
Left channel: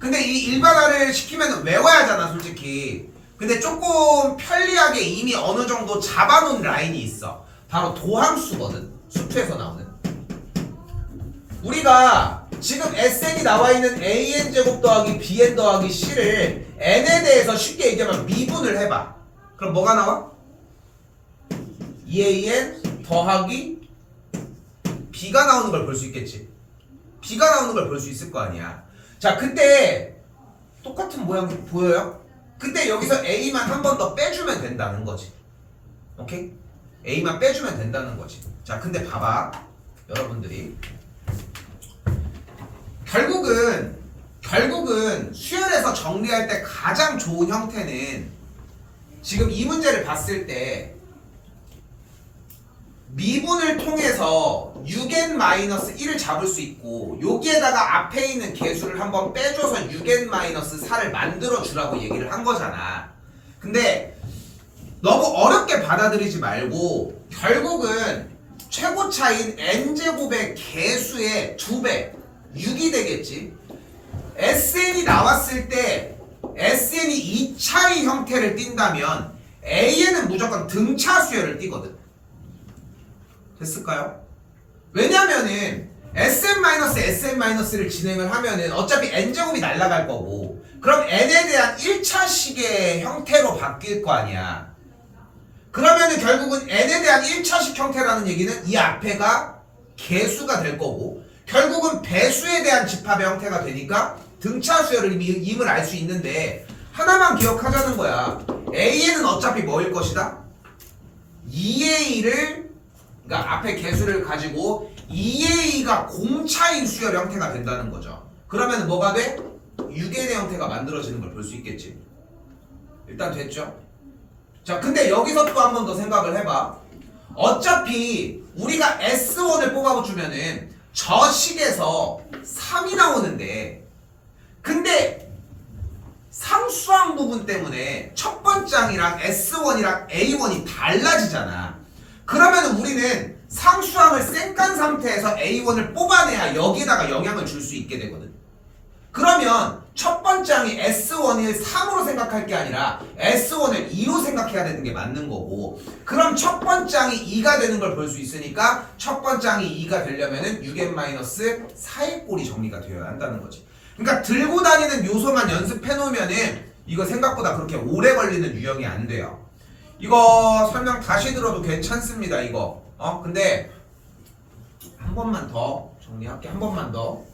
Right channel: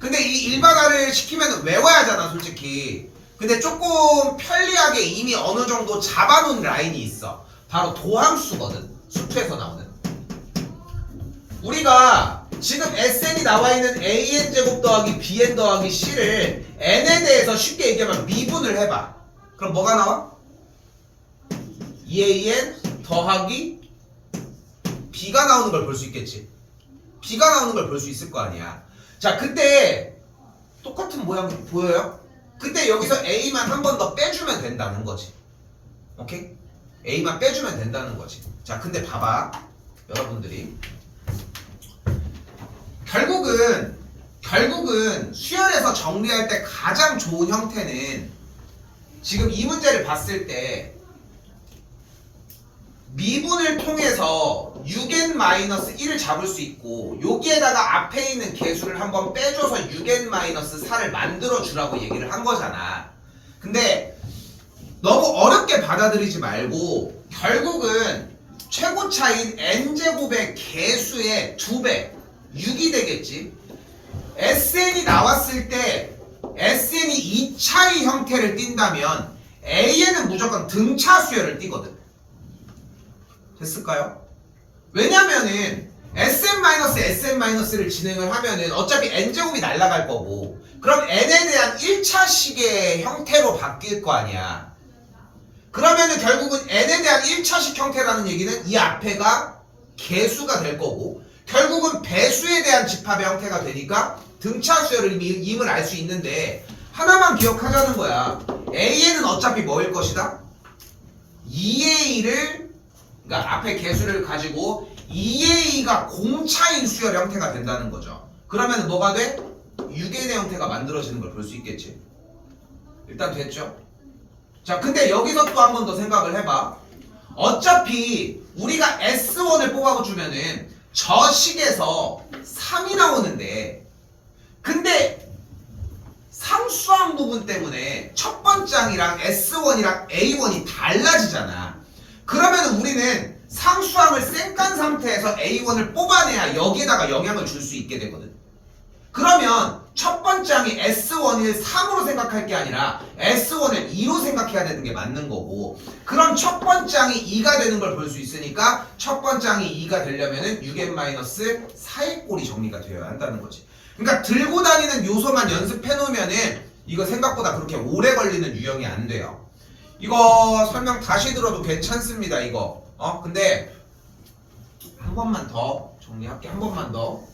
근데 이 일반화를 시키면 외워야 하잖아 솔직히. 근데 조금 편리하게 이미 어느 정도 잡아놓은 라인이 있어. 바로 도함수거든. 수투에서 나오는. 우리가 지금 Sn이 나와 있는 AN제곱 더하기 BN 더하기 C를 N에 대해서 쉽게 얘기하면 미분을 해봐. 그럼 뭐가 나와? 2AN 더하기 B가 나오는 걸 볼 수 있겠지. B가 나오는 걸 볼 수 있을 거 아니야. 자, 그때 똑같은 모양 보여요? 그때 여기서 A만 한 번 더 빼주면 된다는 거지. 오케이? A만 빼주면 된다는 거지. 자, 근데 봐봐. 여러분들이 결국은 수열에서 정리할 때 가장 좋은 형태는 지금 이 문제를 봤을 때 미분을 통해서 6n-1을 잡을 수 있고 여기에다가 앞에 있는 개수를 한번 빼줘서 6n-4를 만들어 주라고 얘기를 한 거잖아. 근데 너무 어렵게 받아들이지 말고 결국은 최고차인 n제곱의 개수의 2배 6이 되겠지. SN이 나왔을 때 SN이 2차의 형태를 띈다면 AN은 무조건 등차 수열을 띠거든. 됐을까요? 왜냐면은 SN-SN-를 진행을 하면은 어차피 n제곱이 날아갈 거고 그럼 n에 대한 1차식의 형태로 바뀔 거 아니야. 그러면은 결국은 n에 대한 1차식 형태라는 얘기는 이 앞에가 개수가 될 거고 결국은 배수에 대한 집합의 형태가 되니까 등차 수열을 임을 알 수 있는데 하나만 기억하자는 거야. AN은 어차피 뭐일 것이다? 2A를 그러니까 앞에 개수를 가지고 2A가 공차인 수열 형태가 된다는 거죠. 그러면 뭐가 돼? 6N의 형태가 만들어지는 걸 볼 수 있겠지. 일단 됐죠? 자, 근데 여기서 또 한 번 더 생각을 해봐. 어차피 우리가 S1을 뽑아주면은 저 식에서 3이 나오는데 근데 상수항 부분 때문에 첫 번째 항이랑 S1이랑 A1이 달라지잖아. 그러면 우리는 상수항을 쌩깐 상태에서 A1을 뽑아내야 여기에다가 영향을 줄 수 있게 되거든. 그러면 첫 번째 항이 S1을 3으로 생각할 게 아니라 S1을 2로 생각해야 되는 게 맞는 거고 그럼 첫 번째 항이 2가 되는 걸 볼 수 있으니까 첫 번째 항이 2가 되려면은 6n-4의 꼴이 정리가 되어야 한다는 거지. 그러니까 들고 다니는 요소만 연습해 놓으면은 이거 생각보다 그렇게 오래 걸리는 유형이 안 돼요. 이거 설명 다시 들어도 괜찮습니다. 이거 근데 한 번만 더 정리할게. 한 번만 더.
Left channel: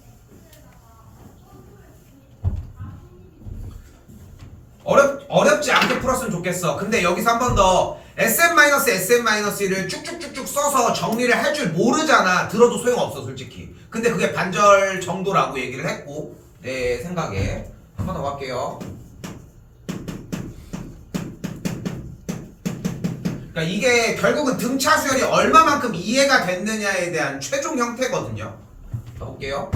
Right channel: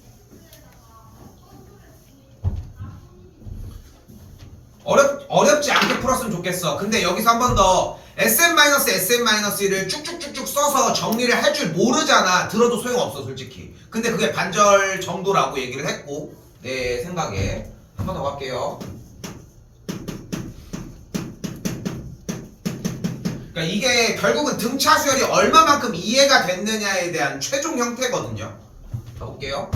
어렵지 않게 풀었으면 좋겠어. 근데 여기서 한 번 더 SN-SN-1을 쭉쭉쭉쭉 써서 정리를 할 줄 모르잖아. 들어도 소용없어 솔직히. 근데 그게 반절 정도라고 얘기를 했고 내 생각에 한 번 더 갈게요. 그러니까 이게 결국은 등차 수열이 얼마만큼 이해가 됐느냐에 대한 최종 형태거든요. 가볼게요.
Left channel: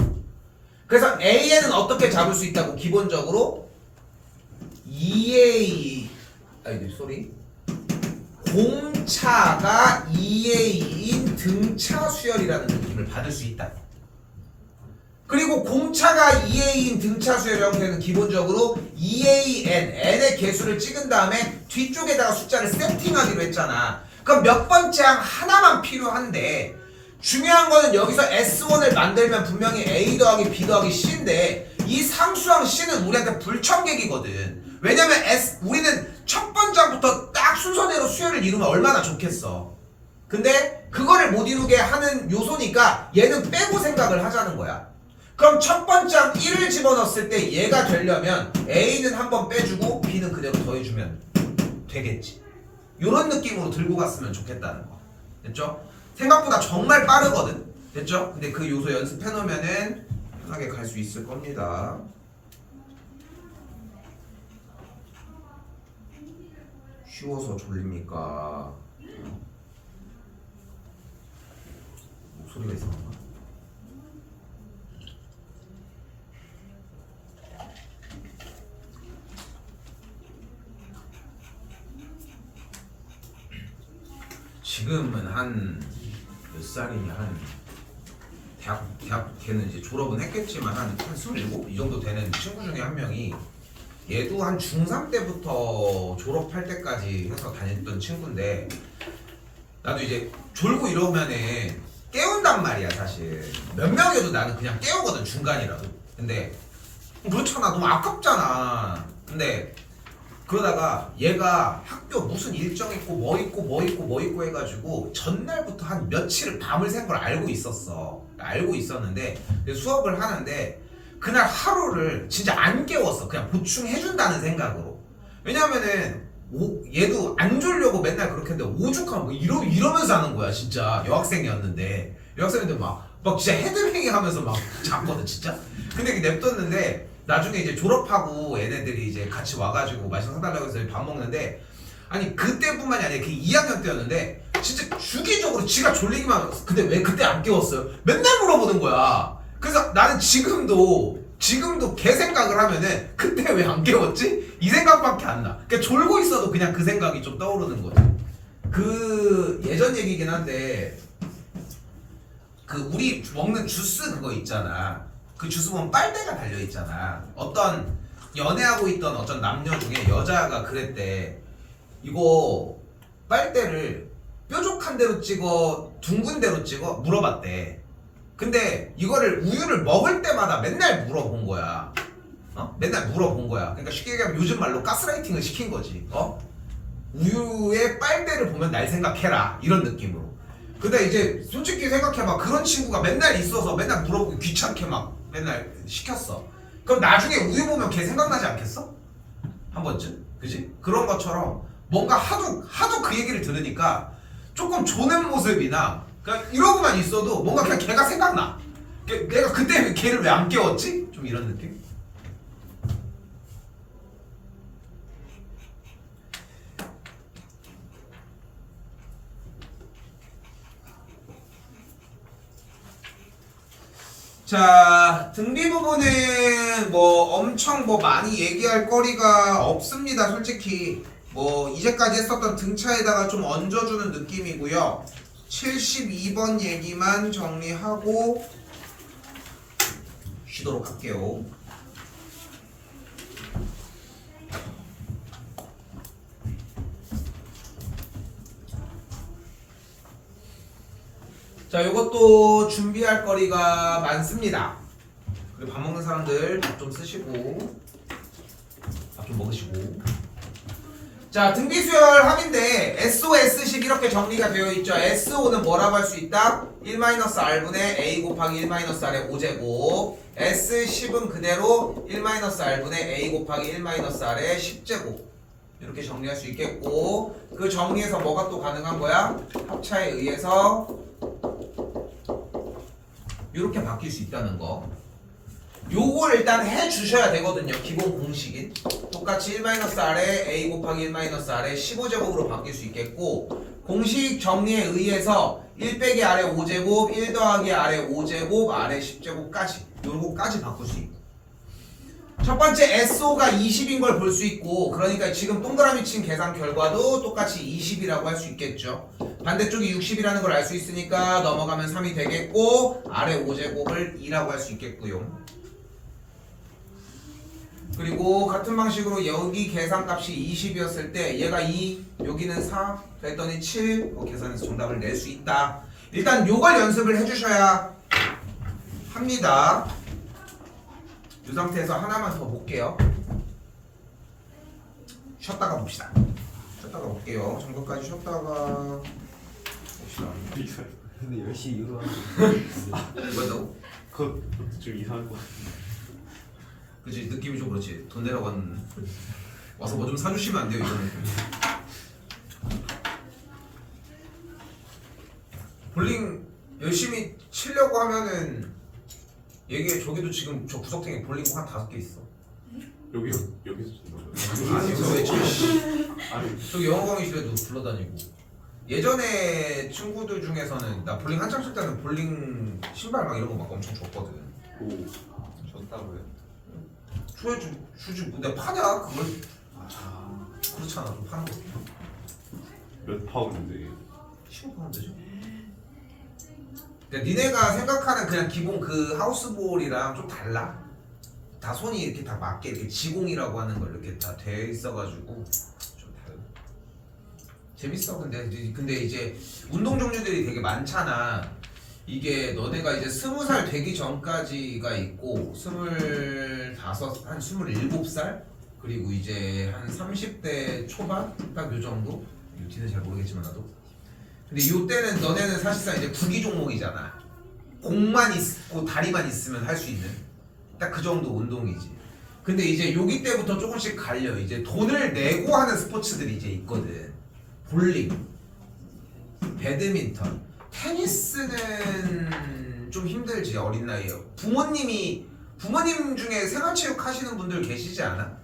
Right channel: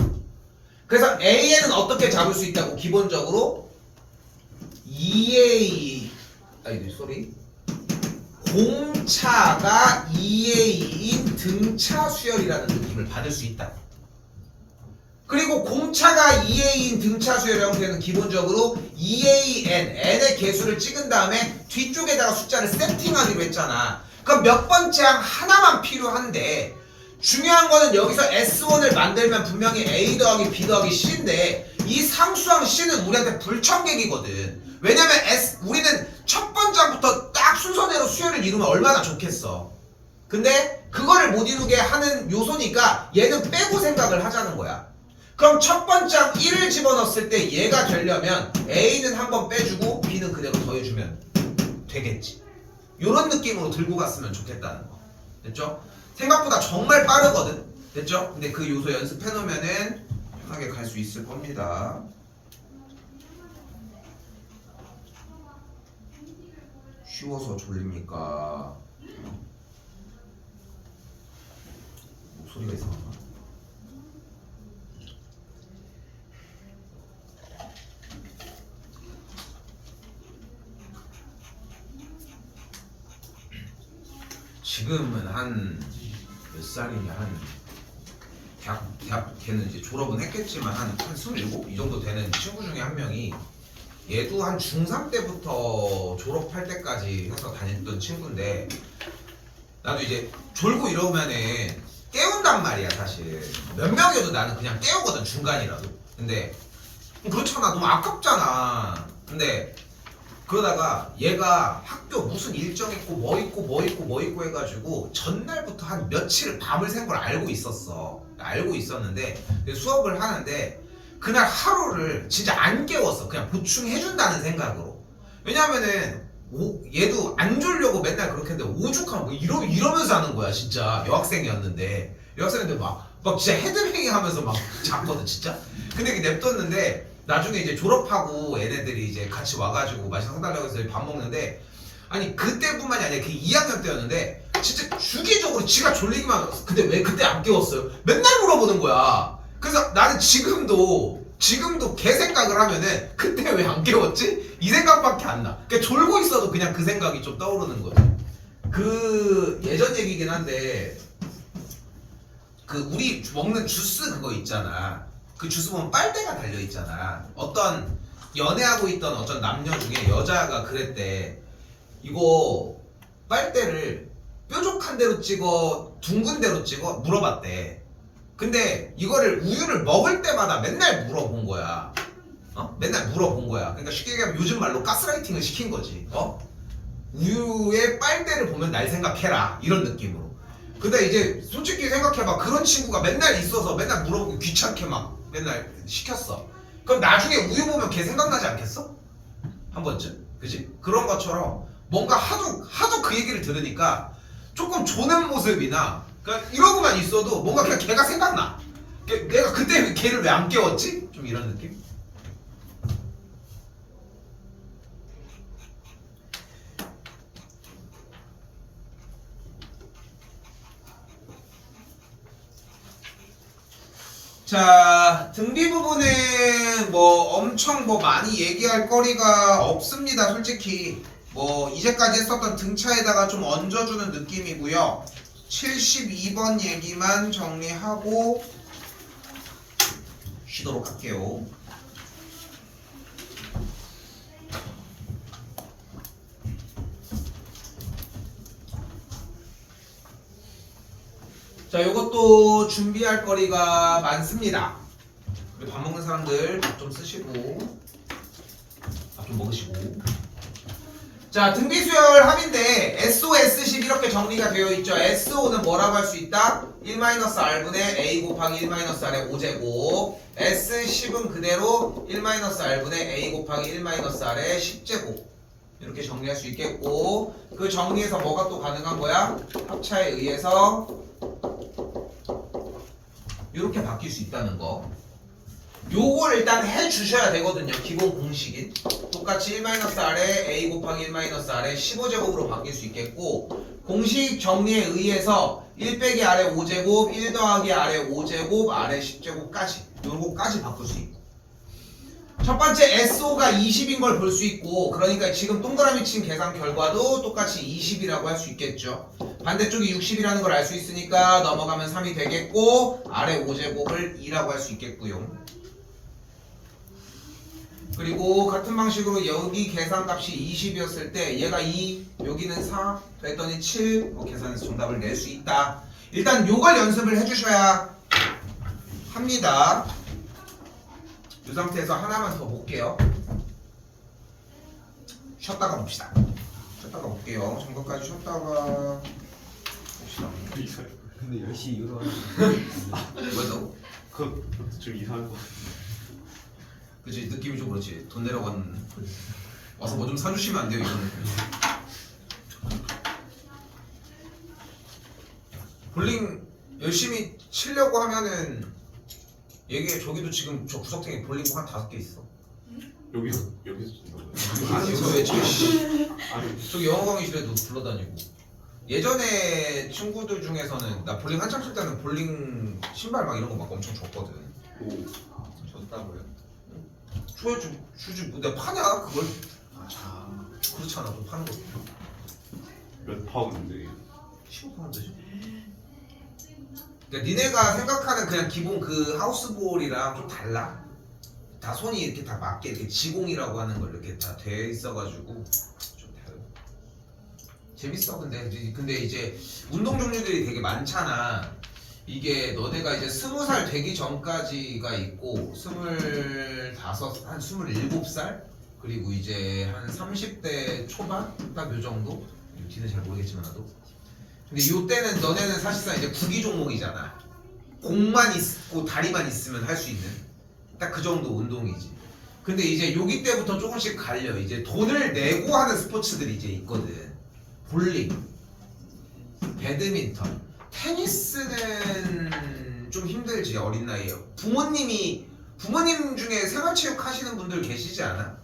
그래서 AN은 어떻게 잡을 수 있다고? 기본적으로 2A 공차가 2A인 등차 수열이라는 느낌을 받을 수 있다. 그리고 공차가 2A인 등차 수열 형태는 기본적으로 2AN, N의 개수를 찍은 다음에 뒤쪽에다가 숫자를 세팅하기로 했잖아. 그럼 몇 번째 항 하나만 필요한데 중요한 거는 여기서 S1을 만들면 분명히 A 더하기 B 더하기 C인데 이 상수항 C는 우리한테 불청객이거든. 왜냐면 우리는 첫 번째 항부터 딱 순서대로 수열을 이루면 얼마나 좋겠어. 근데 그거를 못 이루게 하는 요소니까 얘는 빼고 생각을 하자는 거야. 그럼 첫 번째 항 1을 집어넣었을 때 얘가 되려면 A는 한번 빼주고 B는 그대로 더해주면 되겠지. 요런 느낌으로 들고 갔으면 좋겠다는 거. 됐죠? 생각보다 정말 빠르거든. 됐죠? 근데 그 요소 연습해 놓으면은 편하게 갈 수 있을 겁니다. 쉬워서 졸립니까? 목소리가 이상한가? 지금은 한 몇 살이냐, 한 대학 걔는 이제 졸업은 했겠지만 한 27? 이 정도 되는 친구 중에 한 명이, 얘도 한 중3 때부터 졸업할 때까지 해서 다녔던 친구인데, 나도 이제 졸고 이러면은 깨운단 말이야. 사실 몇 명이어도 나는 그냥 깨우거든, 중간이라도. 근데 그렇잖아, 너무 아깝잖아. 근데 그러다가 얘가 학교 무슨 일정 있고 뭐 있고 해가지고 전날부터 한 며칠 밤을 샌 걸 알고 있었어. 알고 있었는데 수업을 하는데 그날 하루를 진짜 안 깨웠어. 그냥 보충해준다는 생각으로. 왜냐면은 얘도 안 졸려고 맨날 그렇게 했는데 오죽하면 뭐 이러면서 하는 거야. 진짜 여학생이었는데 막 진짜 헤드뱅이 하면서 막 잤거든 진짜. 근데 이렇게 냅뒀는데 나중에 이제 졸업하고 얘네들이 이제 같이 와가지고 맛있는 거 사달라고 해서 밥 먹는데, 아니 그때뿐만이 아니라 그 2학년 때였는데 진짜 주기적으로 지가 졸리기만 하고, 근데 왜 그때 안 깨웠어요? 맨날 물어보는 거야. 그래서 나는 지금도 걔 생각을 하면은 그때 왜 안 깨웠지? 이 생각밖에 안 나. 그러니까 졸고 있어도 그냥 그 생각이 좀 떠오르는 거지. 그 예전 얘기긴 한데, 그 우리 먹는 주스 그거 있잖아. 그 주스 보면 빨대가 달려 있잖아. 어떤 연애하고 있던 어떤 남녀 중에 여자가 그랬대. 이거 빨대를 뾰족한 대로 찍어, 둥근 대로 찍어? 물어봤대. 근데 이거를 우유를 먹을 때마다 맨날 물어본 거야. 맨날 물어본 거야. 그러니까 쉽게 얘기하면 요즘 말로 가스라이팅을 시킨 거지. 우유의 빨대를 보면 날 생각해라, 이런 느낌으로. 근데 이제 솔직히 생각해봐. 그런 친구가 맨날 있어서 맨날 물어보고 귀찮게 막 맨날 시켰어. 그럼 나중에 우유 보면 걔 생각나지 않겠어? 한 번쯤? 그지? 그런 것처럼 뭔가 하도 그 얘기를 들으니까 조금 조는 모습이나 그냥 이러고만 있어도 뭔가 그냥 걔가 생각나. 내가 그때 걔를 왜 안 깨웠지? 좀 이런 느낌? 자, 등비 부분은 뭐 엄청 뭐 많이 얘기할 거리가 없습니다. 솔직히 뭐 이제까지 했었던 등차에다가 좀 얹어주는 느낌이고요. 72번 얘기만 정리하고 쉬도록 할게요. 자, 요것도 준비할 거리가 많습니다. 그리고 밥 먹는 사람들 밥 좀 쓰시고 밥 좀 먹으시고. 자, 등비수열 합인데 SO,S식 이렇게 정리가 되어 있죠. SO는 뭐라고 할 수 있다? 1-R분의 A 곱하기 1-R의 5제곱. S10은 그대로 1-R분의 A 곱하기 1-R의 10제곱. 이렇게 정리할 수 있겠고, 그 정리에서 뭐가 또 가능한 거야? 합차에 의해서 이렇게 바뀔 수 있다는 거. 요걸 일단 해주셔야 되거든요. 기본 공식인 똑같이 1-R에 A 곱하기 1-R의 15제곱으로 바뀔 수 있겠고, 공식 정리에 의해서 1 빼기 R의 5제곱, 1 더하기 R의 5제곱, R의 10제곱까지 요거까지 바꿀 수 있고, 첫 번째 SO가 20인 걸 볼 수 있고, 그러니까 지금 동그라미 친 계산 결과도 똑같이 20이라고 할 수 있겠죠. 반대쪽이 60이라는 걸 알 수 있으니까 넘어가면 3이 되겠고, R의 5제곱을 2라고 할 수 있겠고요. 그리고 같은 방식으로 여기 계산값이 20이었을 때 얘가 2, 여기는 4, 그랬더니 7, 계산해서 정답을 낼 수 있다. 일단 요걸 연습을 해주셔야 합니다. 이 상태에서 하나만 더 볼게요. 쉬었다가 봅시다. 쉬었다가 볼게요. 잠깐까지 쉬었다가 봅시다. 근데 10시 이후로 하는 뭐였다고? 그거 좀 이상할 것 같아. 그치, 느낌이 좀 그렇지. 돈 내라고 하는, 와서 뭐 좀 사주시면 안 돼요, 이런 느낌. 볼링 열심히 치려고 하면은 얘기 저기도 지금 저 구석탱이 볼링공 한 5개 있어. 여기서 친다고요? 아니 왜 치? 아니 저기 영어 강의실에도 불러다니고. 예전에 친구들 중에서는 나 볼링 한참 칠 때는 볼링 신발 막 이런 거 막 엄청 줬거든. 오 졌다고요? 주지 내가 파냐 그걸. 그렇잖아 좀 파는 거. 몇 파운드인데 15파운드죠. 그러니까 니네가 생각하는 그냥 기본 그 하우스볼이랑 좀 달라. 다 손이 이렇게 다 맞게 이렇게 지공이라고 하는 걸 이렇게 다 돼 있어가지고 좀 달라. 재밌어. 근데 이제 운동 종류들이 되게 많잖아. 이게 너네가 이제 20살 되기 전까지가 있고 25, 한 27살 그리고 이제 한 30대 초반 딱 요 정도. 뒤는 잘 모르겠지만 나도. 근데 이때는 너네는 사실상 이제 구기 종목이잖아. 공만 있고 다리만 있으면 할 수 있는 딱 그 정도 운동이지. 근데 이제 여기 때부터 조금씩 갈려. 이제 돈을 내고 하는 스포츠들이 이제 있거든. 볼링, 배드민턴, 테니스는 좀 힘들지 어린 나이에. 부모님 중에 생활체육 하시는 분들 계시지 않아?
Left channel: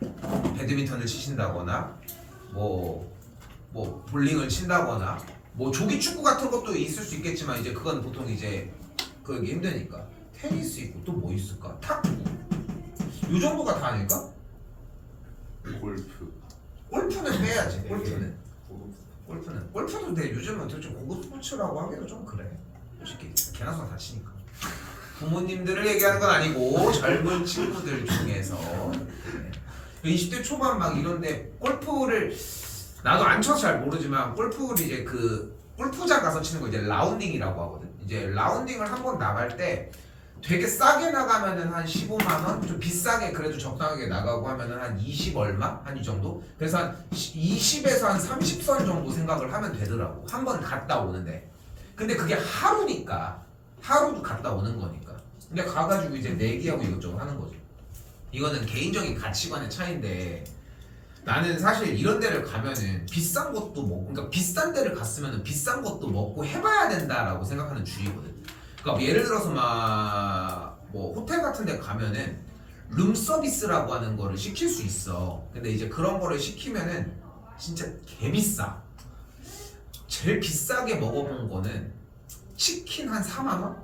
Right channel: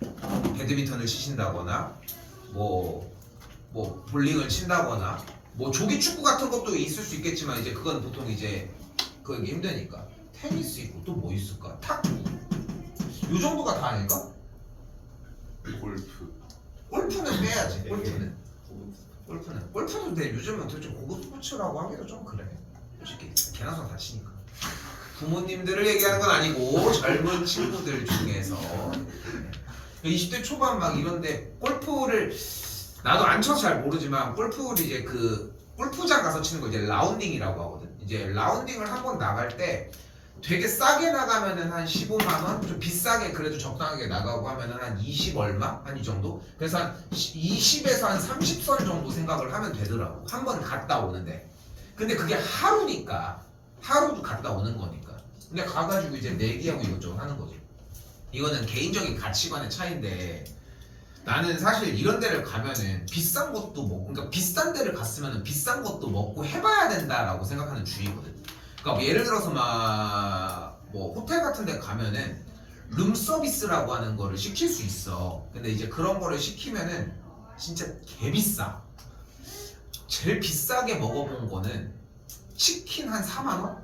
배드민턴을 치신다거나 뭐 볼링을 친다거나 뭐 조기 축구 같은 것도 있을 수 있겠지만 이제 그건 보통 이제 그게 힘드니까. 테니스 있고 또 뭐 있을까? 탁구. 요 정도가 다 아닐까? 골프 골프는 빼야지. 되게 골프는 근데 요즘은 도대체 고급 스포츠라고 하기도 좀 그래. 솔직히 개나 소나 다 치니까. 부모님들을 얘기하는 건 아니고 젊은 친구들 중에서 20대 초반 막 이런데 골프를 나도 안 쳐서 잘 모르지만 골프를 이제 그 골프장 가서 치는 거 이제 라운딩이라고 하거든. 이제 라운딩을 한 번 나갈 때 되게 싸게 나가면은 한 15만 원, 좀 비싸게 그래도 적당하게 나가고 하면은 한 20 얼마 한 이 정도. 그래서 한 20에서 한 30선 정도 생각을 하면 되더라고. 한 번 갔다 오는데. 근데 그게 하루니까 하루도 갔다 오는 거니까. 근데 가가지고 이제 내기하고 이것저것 하는 거죠. 이거는 개인적인 가치관의 차이인데. 나는 사실 이런 데를 가면은 비싼 것도 먹고, 그러니까 비싼 데를 갔으면은 비싼 것도 먹고 해봐야 된다라고 생각하는 주의거든. 그러니까 예를 들어서 막 뭐 호텔 같은 데 가면은 룸 서비스라고 하는 거를 시킬 수 있어. 근데 이제 그런 거를 시키면은 진짜 개 비싸. 제일 비싸게 먹어본 거는 치킨 한 4만 원?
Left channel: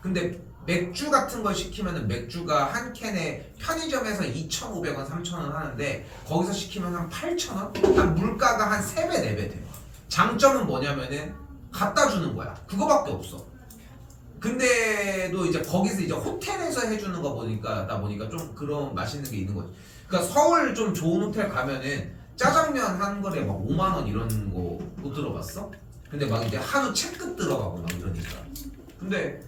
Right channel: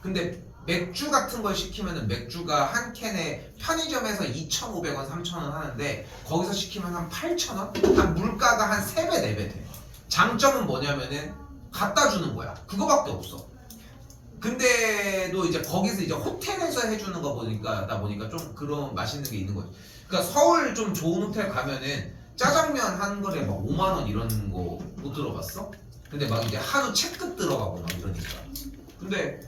근데 맥주 같은 걸 시키면은 맥주가 한 캔에 편의점에서 2,500원, 3,000원 하는데 거기서 시키면 한 8,000원? 한 물가가 한 3배, 4배 돼. 장점은 뭐냐면은 갖다 주는 거야. 그거밖에 없어. 근데도 이제 거기서 이제 호텔에서 해주는 거 보니까 좀 그런 맛있는 게 있는 거지. 그러니까 서울 좀 좋은 호텔 가면은 짜장면 한 그릇에 막 5만 원 이런 거 못 들어봤어? 근데 막 이제 한우 채끝 들어가고 막 이러니까. 근데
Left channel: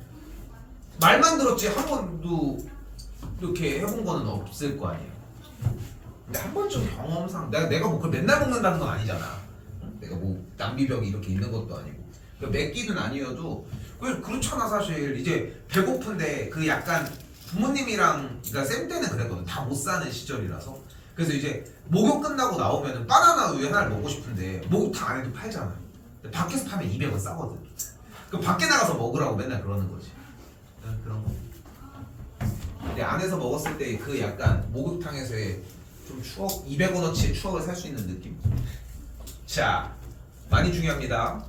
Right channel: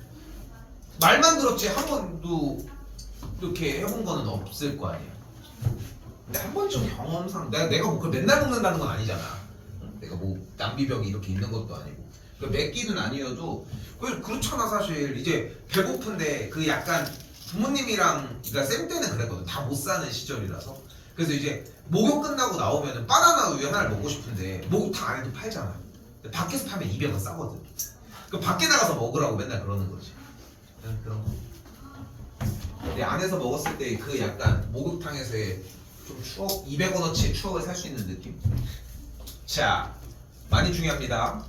말만 들었지 한 번도 이렇게 해본 거는 없을 거 아니야. 근데 한 번쯤 경험상 내가 뭐 그걸 맨날 먹는다는 건 아니잖아. 내가 뭐 남비벽이 이렇게 있는 것도 아니고. 그 몇 끼는 아니어도 그렇잖아. 사실 이제 배고픈데 그 약간 부모님이랑 그러니까 쌤 때는 그랬거든. 다 못 사는 시절이라서. 그래서 이제 목욕 끝나고 나오면은 바나나 우유 하나를 먹고 싶은데 목욕탕 안에도 팔잖아. 근데 밖에서 파면 200원 싸거든. 그 밖에 나가서 먹으라고 맨날 그러는 거지. 그런 거. 근데 안에서 먹었을 때 그 약간 목욕탕에서의 좀 추억, 200원어치의 추억을 살 수 있는 느낌. 자, 많이 중요합니다.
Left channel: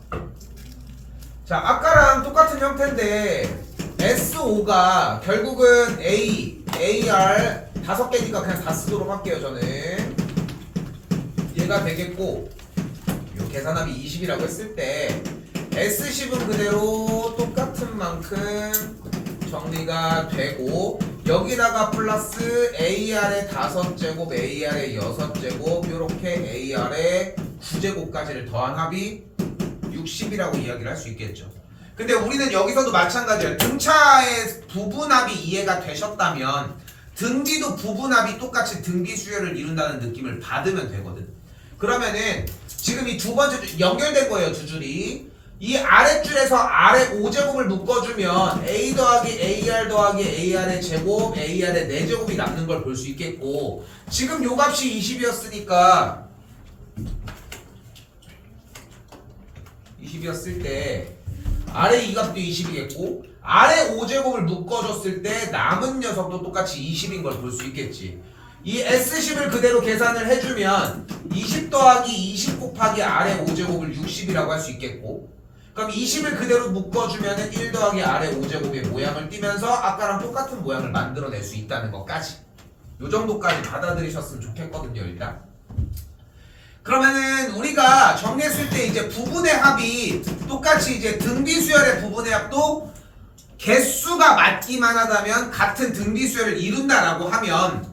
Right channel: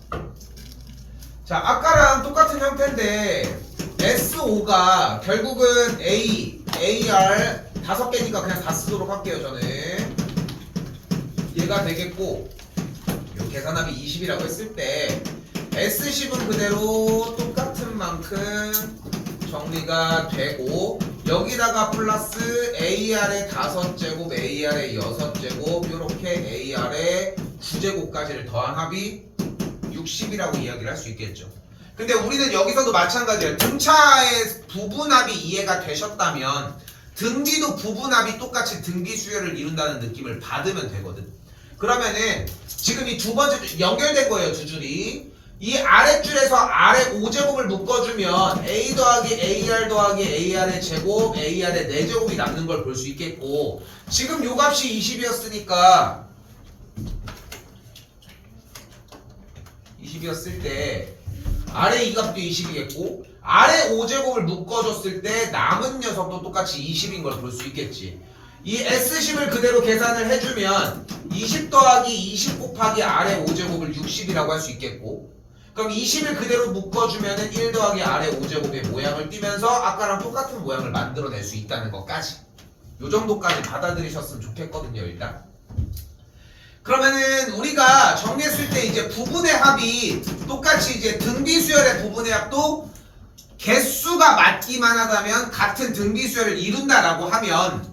자, 아까랑 똑같은 형태인데 SO가 결국은 AR 5개니까 그냥 다 쓰도록 할게요. 저는 얘가 되겠고 요 계산합이 20이라고 했을 때 S10은 그대로 똑같은 만큼 정리가 되고 여기다가 플러스 AR의 5제곱, AR의 6제곱 요렇게 AR의 9제곱까지를 더한 합이 60이라고 이야기를 할 수 있겠죠. 근데 우리는 여기서도 마찬가지예요. 등차의 부분합이 이해가 되셨다면 등비도 부분합이 똑같이 등비 수열을 이룬다는 느낌을 받으면 되거든. 그러면은 지금 이 두 번째 줄 연결된 거예요. 두 줄이. 이 아랫줄에서 아래 5제곱을 묶어주면 A 더하기 AR 더하기 AR의 제곱, AR의 4제곱이 남는 걸 볼 수 있겠고 지금 요 값이 20이었으니까 20이었을 때 아래 이 값도 20이겠고 아래 5제곱을 묶어줬을 때 남은 녀석도 똑같이 20인 걸 볼 수 있겠지. 이 S10을 그대로 계산을 해주면 20 더하기 20 곱하기 아래 5제곱을 60이라고 할 수 있겠고, 그럼 20을 그대로 묶어주면 1 더하기 아래 5제곱의 모양을 띠면서 아까랑 똑같은 모양을 만들어낼 수 있다는 것까지, 요 정도까지 받아들이셨으면 좋겠거든요. 일단 그러면은 우리가 정리했을 때 이제 부분의 합이 똑같이 이제 등비수열의 부분의 합도 개수가 맞기만 하다면 같은 등비수열을 이룬다라고 하면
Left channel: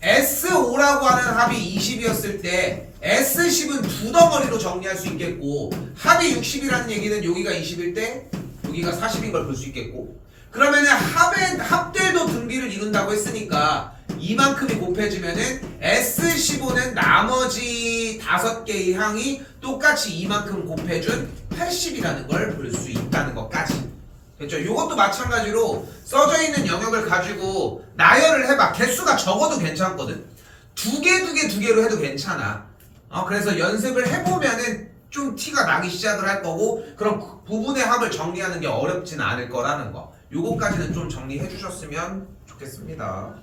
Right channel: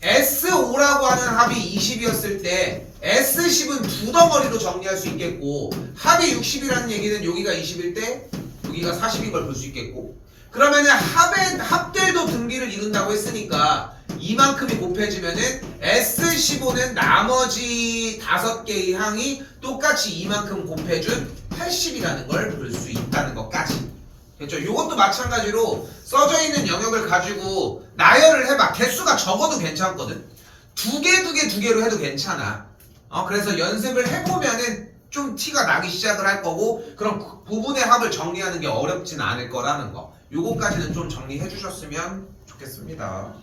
S5라고 하는 합이 20이었을 때 S10은 두 덩어리로 정리할 수 있겠고, 합이 60이라는 얘기는 여기가 20일 때 여기가 40인 걸 볼 수 있겠고, 그러면은 합들도 등비를 이룬다고 했으니까 이만큼이 곱해지면은 S15는 나머지 5개의 항이 똑같이 이만큼 곱해준 80이라는 걸 볼 수 있다는 것까지. 그렇죠? 이것도 마찬가지로 써져 있는 영역을 가지고 나열을 해봐. 개수가 적어도 괜찮거든. 두 개로 해도 괜찮아. 그래서 연습을 해보면은 좀 티가 나기 시작을 할 거고, 그럼 부분의 합을 정리하는 게 어렵지는 않을 거라는 거. 요거까지는 좀 정리해 주셨으면 좋겠습니다.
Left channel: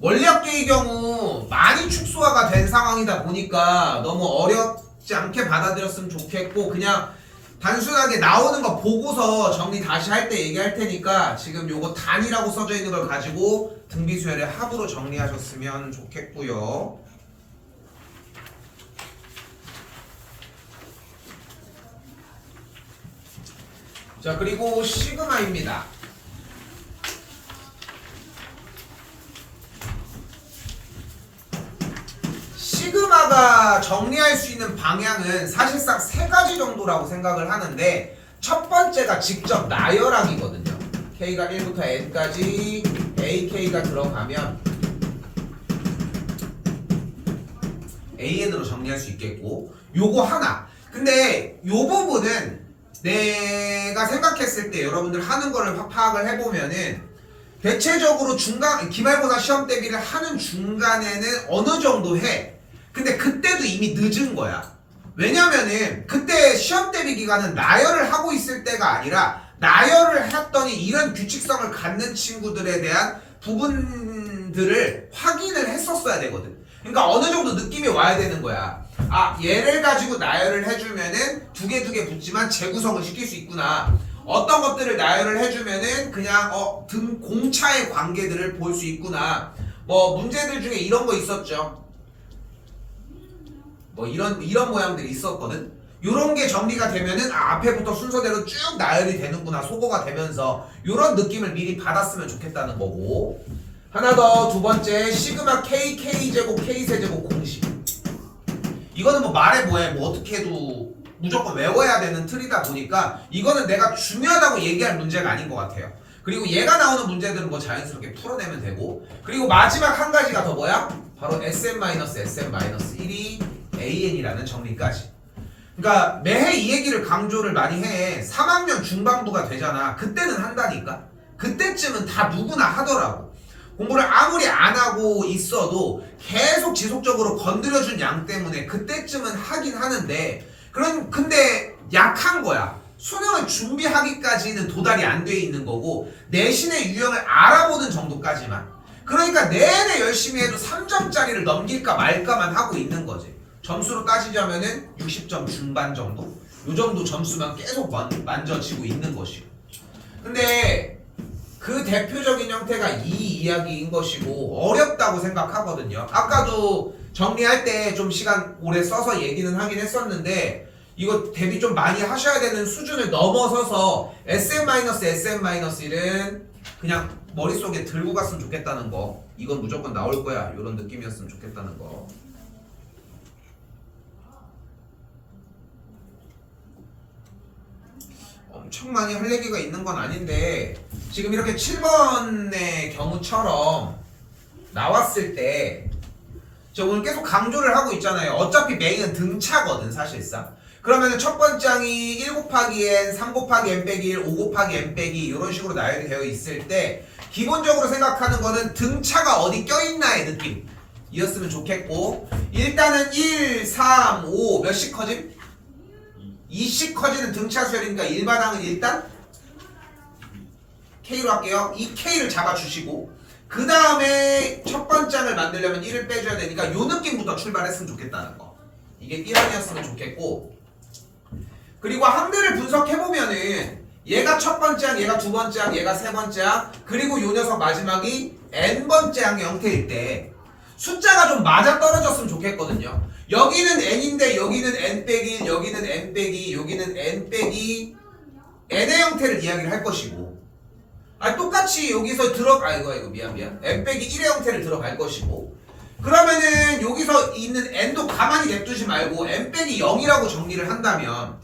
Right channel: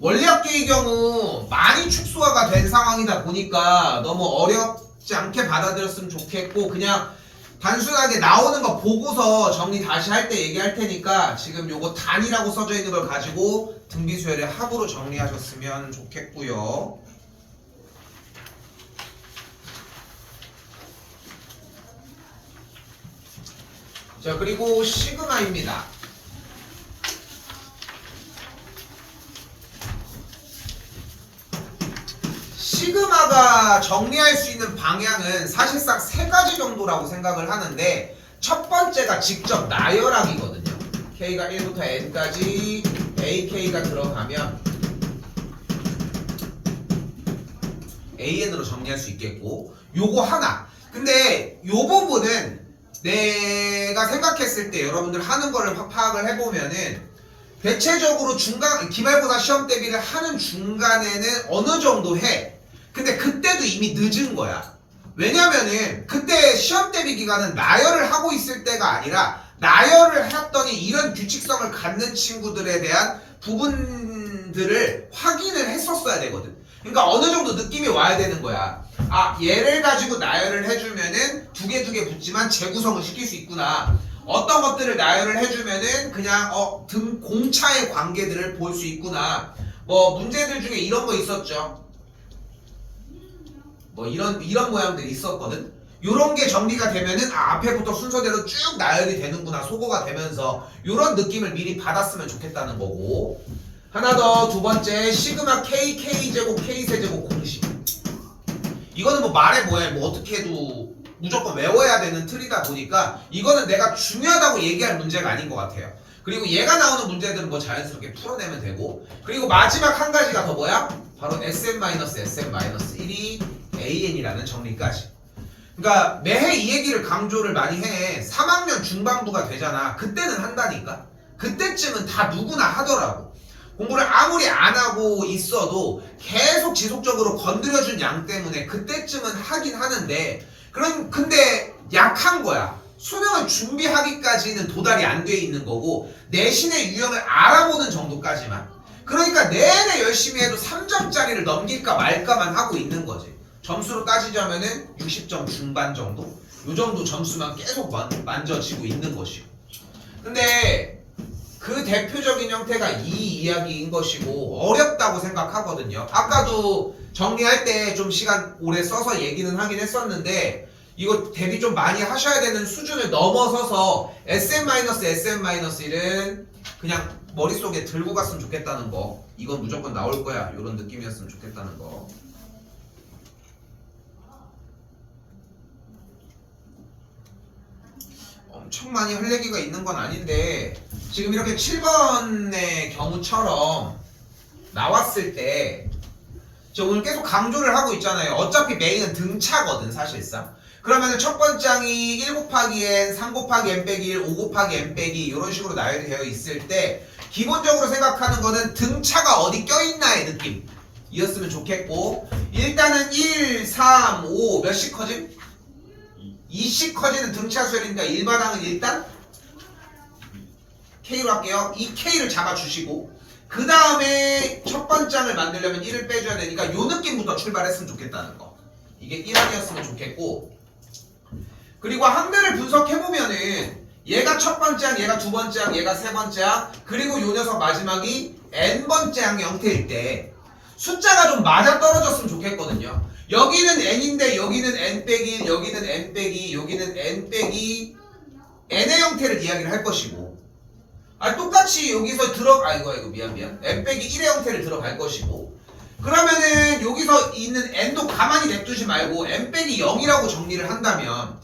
원리합계의 경우 많이 축소화가 된 상황이다 보니까 너무 어렵지 않게 받아들였으면 좋겠고, 그냥 단순하게 나오는 거 보고서 정리 다시 할 때 얘기할 테니까 지금 요거 단이라고 써져 있는 걸 가지고 등비수열의 합으로 정리하셨으면 좋겠고요. 자, 그리고 시그마입니다. 시그마가 정리할 수 있는 방향은 사실상 3가지 정도라고 생각을 하는데, 첫 번째가 직접 나열하기거든요. K가 1부터 N까지 AK가 들어가면 AN으로 정리할 수 있겠고, 요거 하나. 근데 요 부분은 내가 생각했을 때 여러분들 하는 거를 파악을 해보면은 대체적으로 기말고사 시험 대비를 하는 중간에는 어느 정도 해. 근데 그때도 이미 늦은 거야. 왜냐면은 그때 시험 대비 기간은 나열을 하고 있을 때가 아니라, 나열을 했더니 이런 규칙성을 갖는 친구들에 대한 부분들을 확인을 했었어야 되거든. 그러니까 어느 정도 느낌이 와야 되는 거야. 얘를 가지고 나열을 해주면은 두 개 붙지만 재구성을 시킬 수 있구나. 어떤 것들을 나열을 해주면은 그냥 등 공차의 관계들을 볼 수 있구나. 뭐 문제들 중에 이런 거 있었죠. 뭐 이런 모양들이 있었거든. 요런 게 정리가 되면은 앞에부터 순서대로 쭉 나열이 되는구나, 소거가 되면서 요런 느낌을 미리 받았으면 좋겠다는 거고. 하나 더, 두 번째, 시그마 K, K제곱, K세제곱 공식. 이거는 뭐 말해 뭐해, 뭐 어떻게 해도 무조건 외워야 되는 틀이다 보니까 이거는 내가 중요하다고 얘기할 문제가 아닌 것 같아요. 그리고 얘가 나오는 문제들은 뭐 자연스럽게 풀어내면 되고, 그리고 마지막 한 가지가 더 뭐야? 바로 SM-SM-1이 AN이라는 정리까지. 그러니까 매해 이 얘기를 강조를 많이 해. 3학년 중반부가 되잖아. 그때는 한다니까. 그때쯤은 다 누구나 하더라고. 공부를 아무리 안 하고 있어도 계속 지속적으로 건드려준 양 때문에 그때쯤은 하긴 하는데, 근데 약한 거야. 수능을 준비하기까지는 도달이 안 돼 있는 거고, 내신의 유형을 알아보는 정도까지만. 그러니까 내내 열심히 해도 3점짜리를 넘길까 말까만 하고 있는 거지. 점수로 따지자면은 60점 중반 정도? 요 정도 점수만 계속 만져지고 있는 것이고. 근데 그 대표적인 형태가 이 이야기인 것이고, 어렵다고 생각하거든요. 아까도 정리할 때 좀 시간 오래 써서 얘기는 하긴 했었는데, 이거 대비 좀 많이 하셔야 되는 수준을 넘어서서 SM-SM-1은 그냥 머릿속에 들고 갔으면 좋겠다는 거. 이건 무조건 나올 거야, 이런 느낌이었으면 좋겠다는 거. 엄청 많이 할 얘기가 있는 건 아닌데, 지금 이렇게 7번의 경우처럼 나왔을 때 저 오늘 계속 강조를 하고 있잖아요. 어차피 메인은 등차거든 사실상. 그러면은 첫 번째 항이 1 곱하기 n, 3 곱하기 n 빼기 1, 5 곱하기 n 빼기 이런 식으로 나열이 되어 있을 때 기본적으로 생각하는 거는 등차가 어디 껴있나의 느낌. 이었으면 좋겠고 일단은 1, 3, 5 몇씩 커짐? 2씩 커지는 등차 수열이니까 일반항은 일단 K로 할게요. 이 K를 잡아주시고 그 다음에 첫 번째 항을 만들려면 1을 빼줘야 되니까 요 느낌부터 출발했으면 좋겠다는 거. 이게 1항이었으면 좋겠고 그리고 항들을 분석해보면은 얘가 첫 번째 항, 얘가 두 번째 항, 얘가 세 번째 항 그리고 요 녀석 마지막이 n번째 항 형태일 때 숫자가 좀 맞아떨어졌으면 좋겠거든요. 여기는 n인데 여기는 n 빼기 1, 여기는 n 빼기, 여기는 n 빼기 n의 형태를 이야기를 할 것이고 똑같이 여기서 이거 미안 n 빼기 1의 형태를 들어갈 것이고 그러면은 여기서 있는 n도 가만히 냅두지 말고 n 빼기 0이라고 정리를 한다면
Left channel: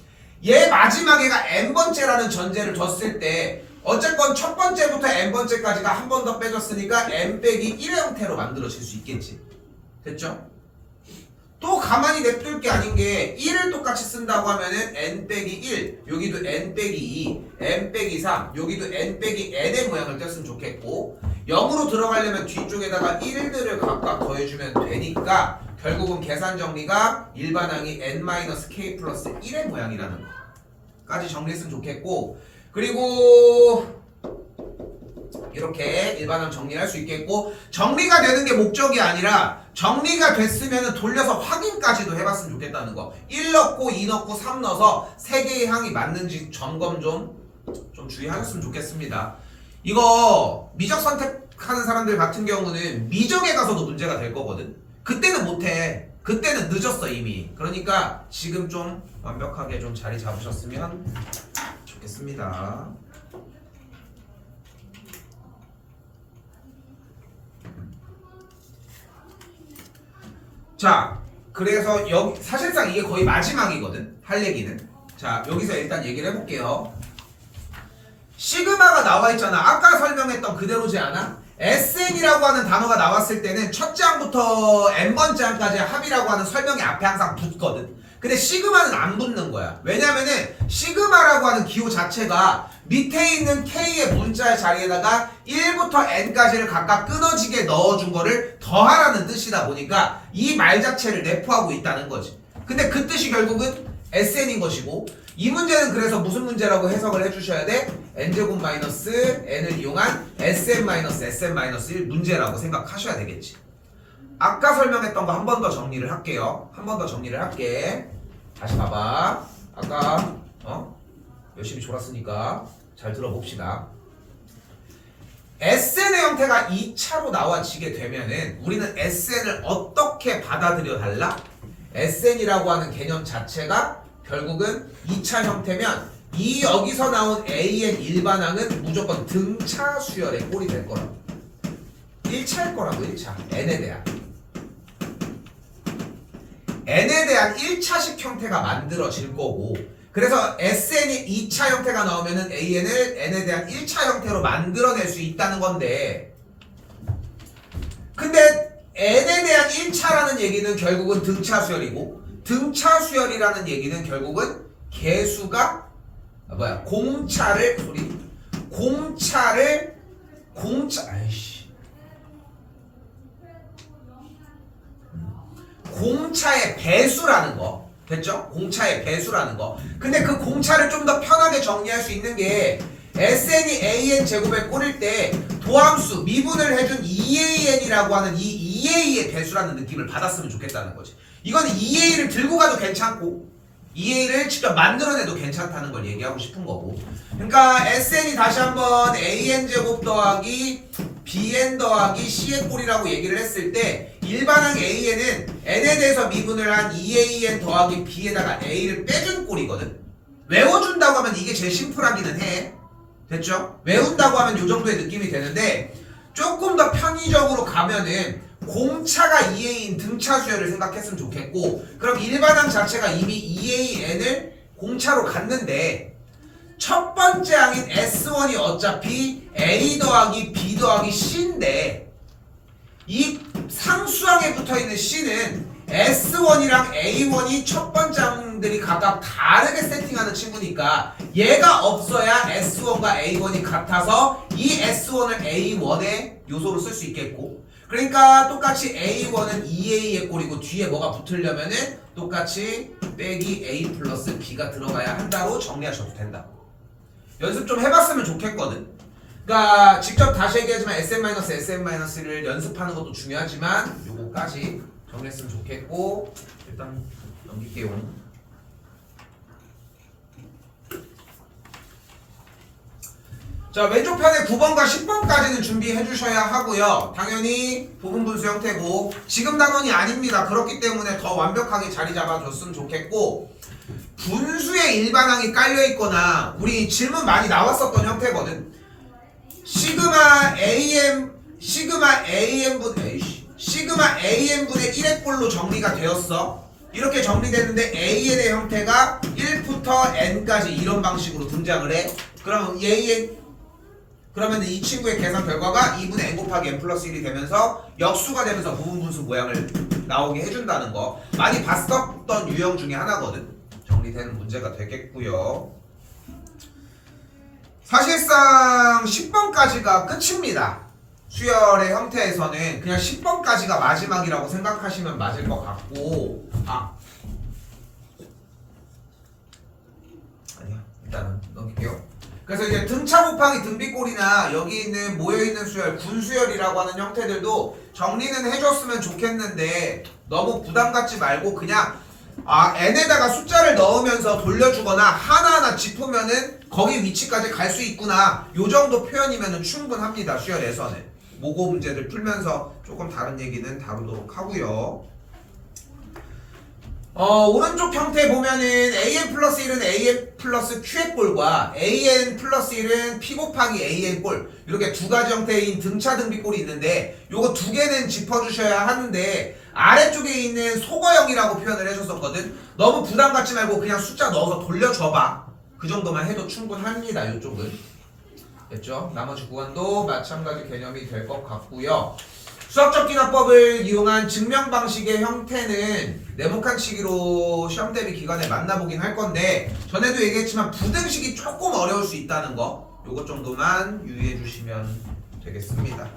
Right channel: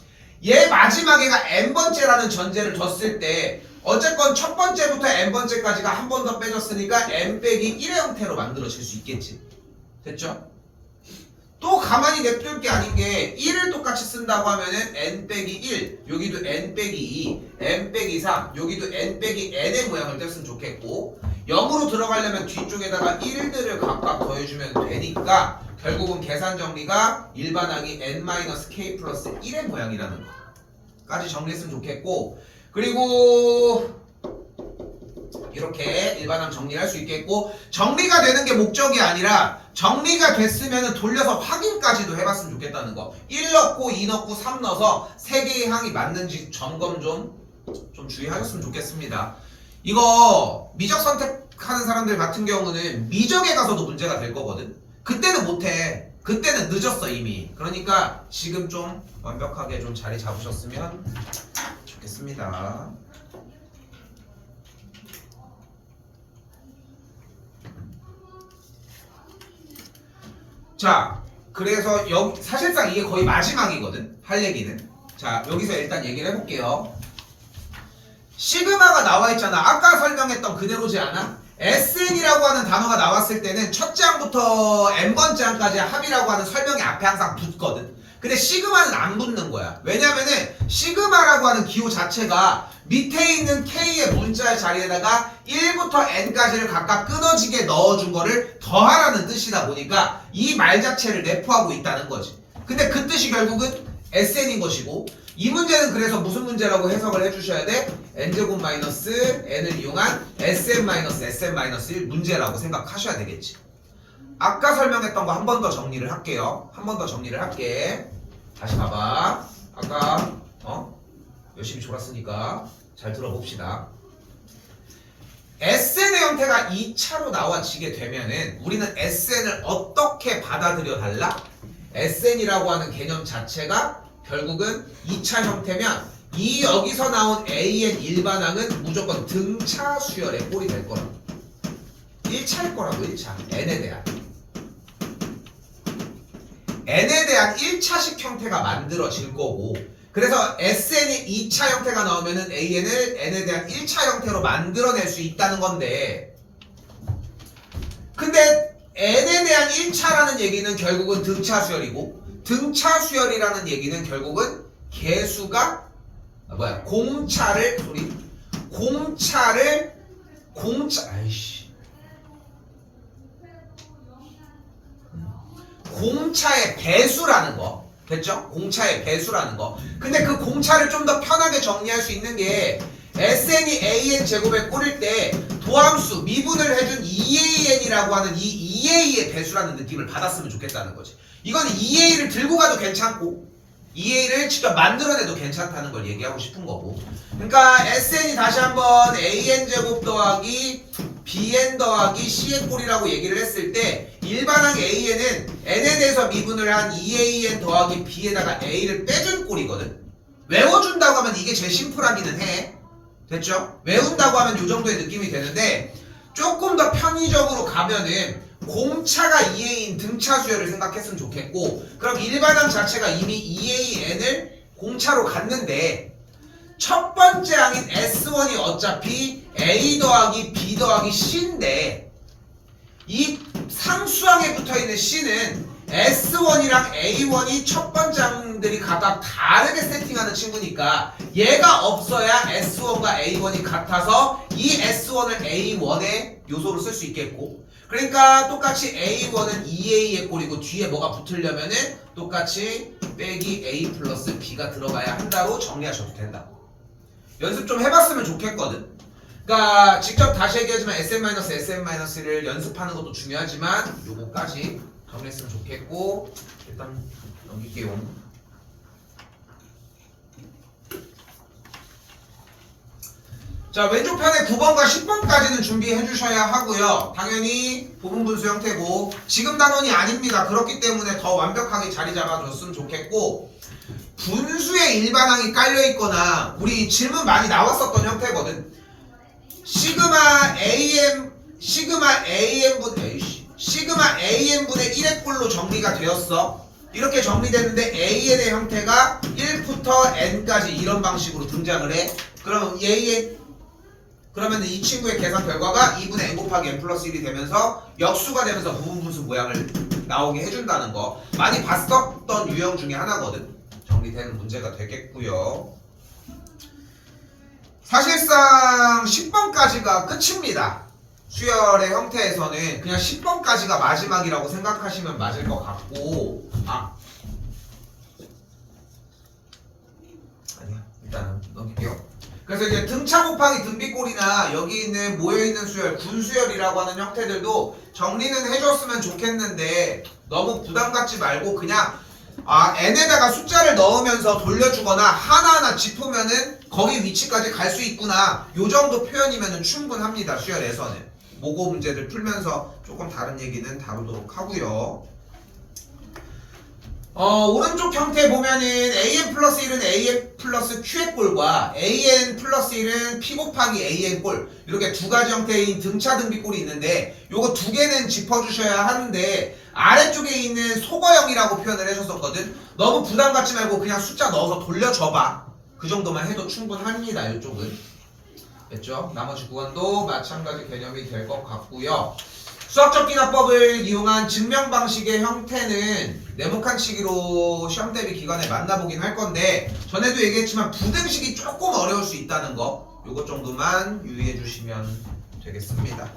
얘 마지막에가 n번째라는 전제를 뒀을 때 어쨌건 첫 번째부터 n번째까지가 한 번 더 빼줬으니까 n 빼기 1의 형태로 만들어질 수 있겠지. 됐죠? 또 가만히 냅둘 게 아닌 게 1을 똑같이 쓴다고 하면은 n 빼기 1 여기도 n 빼기 2 n 빼기 3 여기도 n 빼기 n의 모양을 뗐으면 좋겠고 0으로 들어가려면 뒤쪽에다가 1들을 각각 더해주면 되니까 결국은 계산 정리가 일반항이 n-k 플러스 1의 모양이라는 거까지 정리했으면 좋겠고 그리고 이렇게 일반항 정리를 할 수 있겠고 정리가 되는 게 목적이 아니라 정리가 됐으면 돌려서 확인까지도 해봤으면 좋겠다는 거 1 넣고 2 넣고 3 넣어서 3개의 항이 맞는지 점검 좀 주의하셨으면 좋겠습니다. 이거 미적 선택하는 사람들 같은 경우는 미적에 가서도 문제가 될 거거든. 그때는 못해. 그때는 늦었어 이미. 그러니까 지금 좀 완벽하게 좀 자리 잡으셨으면 좋겠습니다. 자, 그래서 여기 사실상 이게 거의 마지막이거든. 할 얘기는. 자, 여기서 일단 얘기를 해볼게요. 시그마가 나와 있잖아. 아까 설명했던 그대로지 않아? SN이라고 하는 단어가 나왔을 때는 첫째 항부터 n번째 항까지 합이라고 하는 설명이 앞에 항상 붙거든. 근데 시그마는 안 붙는 거야. 왜냐면은 시그마라고 하는 기호 자체가 밑에 있는 K의 문자의 자리에다가 1부터 N까지를 각각 끊어지게 넣어준 거를 더하라는 뜻이다 보니까 이 말 자체를 내포하고 있다는 거지. 근데 그 뜻이 결국은 SN인 것이고 이 문제는 그래서 무슨 문제라고 해석을 해주셔야 돼? n제곱 마이너스 n을 이용한 sn-sn-1 문제라고 생각하셔야 되겠지. 아까 설명했던 거 한 번 더 정리를 할게요. 한 번 더 정리를 할게. 다시 봐봐. 아까 열심히 졸았으니까 잘 들어봅시다. SN의 형태가 2차로 나와지게 되면은 우리는 SN을 어떻게 받아들여 달라? SN이라고 하는 개념 자체가 결국은 2차 형태면 이 여기서 나온 AN 일반항은 무조건 등차 수열의 꼴이 될 거라고. 1차일 거라고 1차. N에 대한. N에 대한 1차식 형태가 만들어질 거고 그래서 SN이 2차 형태가 나오면은 AN을 N에 대한 1차 형태로 만들어낼 수 있다는 건데 근데 N에 대한 1차라는 얘기는 결국은 등차 수열이고 등차 수열이라는 얘기는 결국은 개수가 공차의 배수라는 거. 됐죠? 공차의 배수라는 거. 근데 그 공차를 좀 더 편하게 정리할 수 있는 게 SN이 AN 제곱에 꼴일 때 도함수 미분을 해준 EAN이라고 하는 이 EA의 배수라는 느낌을 받았으면 좋겠다는 거지. 이건 EA를 들고 가도 괜찮고 EA를 직접 만들어내도 괜찮다는 걸 얘기하고 싶은 거고 그러니까 SN이 다시 한번 AN 제곱 더하기 BN 더하기 C의 꼴이라고 얘기를 했을 때 일반항 AN은 N에 대해서 미분을 한 EAN 더하기 B에다가 A를 빼준 꼴이거든. 외워준다고 하면 이게 제일 심플하기는 해. 됐죠? 외운다고 하면 이 정도의 느낌이 되는데 조금 더 편의적으로 가면은 공차가 2A인 등차 수열을 생각했으면 좋겠고 그럼 일반항 자체가 이미 2AN을 공차로 갔는데 첫 번째 항인 S1이 어차피 A 더하기 B 더하기 C인데 이 상수항에 붙어있는 C는 S1이랑 A1이 첫 번째 항들이 각각 다르게 세팅하는 친구니까 얘가 없어야 S1과 A1이 같아서 이 S1을 A1의 요소로 쓸 수 있겠고, 그러니까 똑같이 A1은 2A의 꼴이고 뒤에 뭐가 붙으려면은 똑같이 빼기 A 플러스 B가 들어가야 한다로 정리하셔도 된다. 연습 좀 해봤으면 좋겠거든. 그러니까 직접 다시 얘기하지만 SM-SM-를 연습하는 것도 중요하지만 요거까지 정리했으면 좋겠고, 일단 넘길게요. 자, 왼쪽 편에 9번과 10번까지는 준비해 주셔야 하고요. 당연히 부분분수 형태고 지금 단원이 아닙니다. 그렇기 때문에 더 완벽하게 자리 잡아줬으면 좋겠고, 분수의 일반항이 깔려 있거나 우리 질문 많이 나왔었던 형태거든. 시그마 AN분의 1의 꼴로 정리가 되었어. 이렇게 정리되는데 AN의 형태가 1부터 N까지 이런 방식으로 등장을 해. 그러면 이 친구의 계산 결과가 2분의 N 곱하기 N 플러스 1이 되면서 역수가 되면서 부분분수 모양을 나오게 해준다는 거 많이 봤었던 유형 중에 하나거든. 정리되는 문제가 되겠고요. 사실상 10번까지가 끝입니다. 수열의 형태에서는 그냥 10번까지가 마지막이라고 생각하시면 맞을 것 같고, 아니야, 일단은 넘길게요. 그래서 이제 등차 곱하기 등비꼴이나 여기 있는 모여있는 수열, 분수열이라고 하는 형태들도 정리는 해줬으면 좋겠는데 너무 부담 갖지 말고 그냥 n에다가 숫자를 넣으면서 돌려주거나 하나하나 짚으면은 거기 위치까지 갈 수 있구나, 요 정도 표현이면은 충분합니다. 수열에서는 모고 문제들 풀면서 조금 다른 얘기는 다루도록 하고요. 오른쪽 형태 보면은 AN 플러스 1은 AN 플러스 Q의 꼴과 AN 플러스 1은 P 곱하기 AN 꼴, 이렇게 두 가지 형태인 등차 등비 꼴이 있는데 요거 두 개는 짚어주셔야 하는데 아래쪽에 있는 속어형이라고 표현을 해줬었거든. 너무 부담 갖지 말고 그냥 숫자 넣어서 돌려줘봐. 그 정도만 해도 충분합니다. 이쪽은 됐죠? 나머지 구간도 마찬가지 개념이 될 것 같고요. 수학적 기납법을 이용한 증명 방식의 형태는 네모칸 치기로 시험 대비 기간에 만나보긴 할 건데, 전에도 얘기했지만 부등식이 조금 어려울 수 있다는 거, 요것 정도만 유의해 주시면 되겠습니다.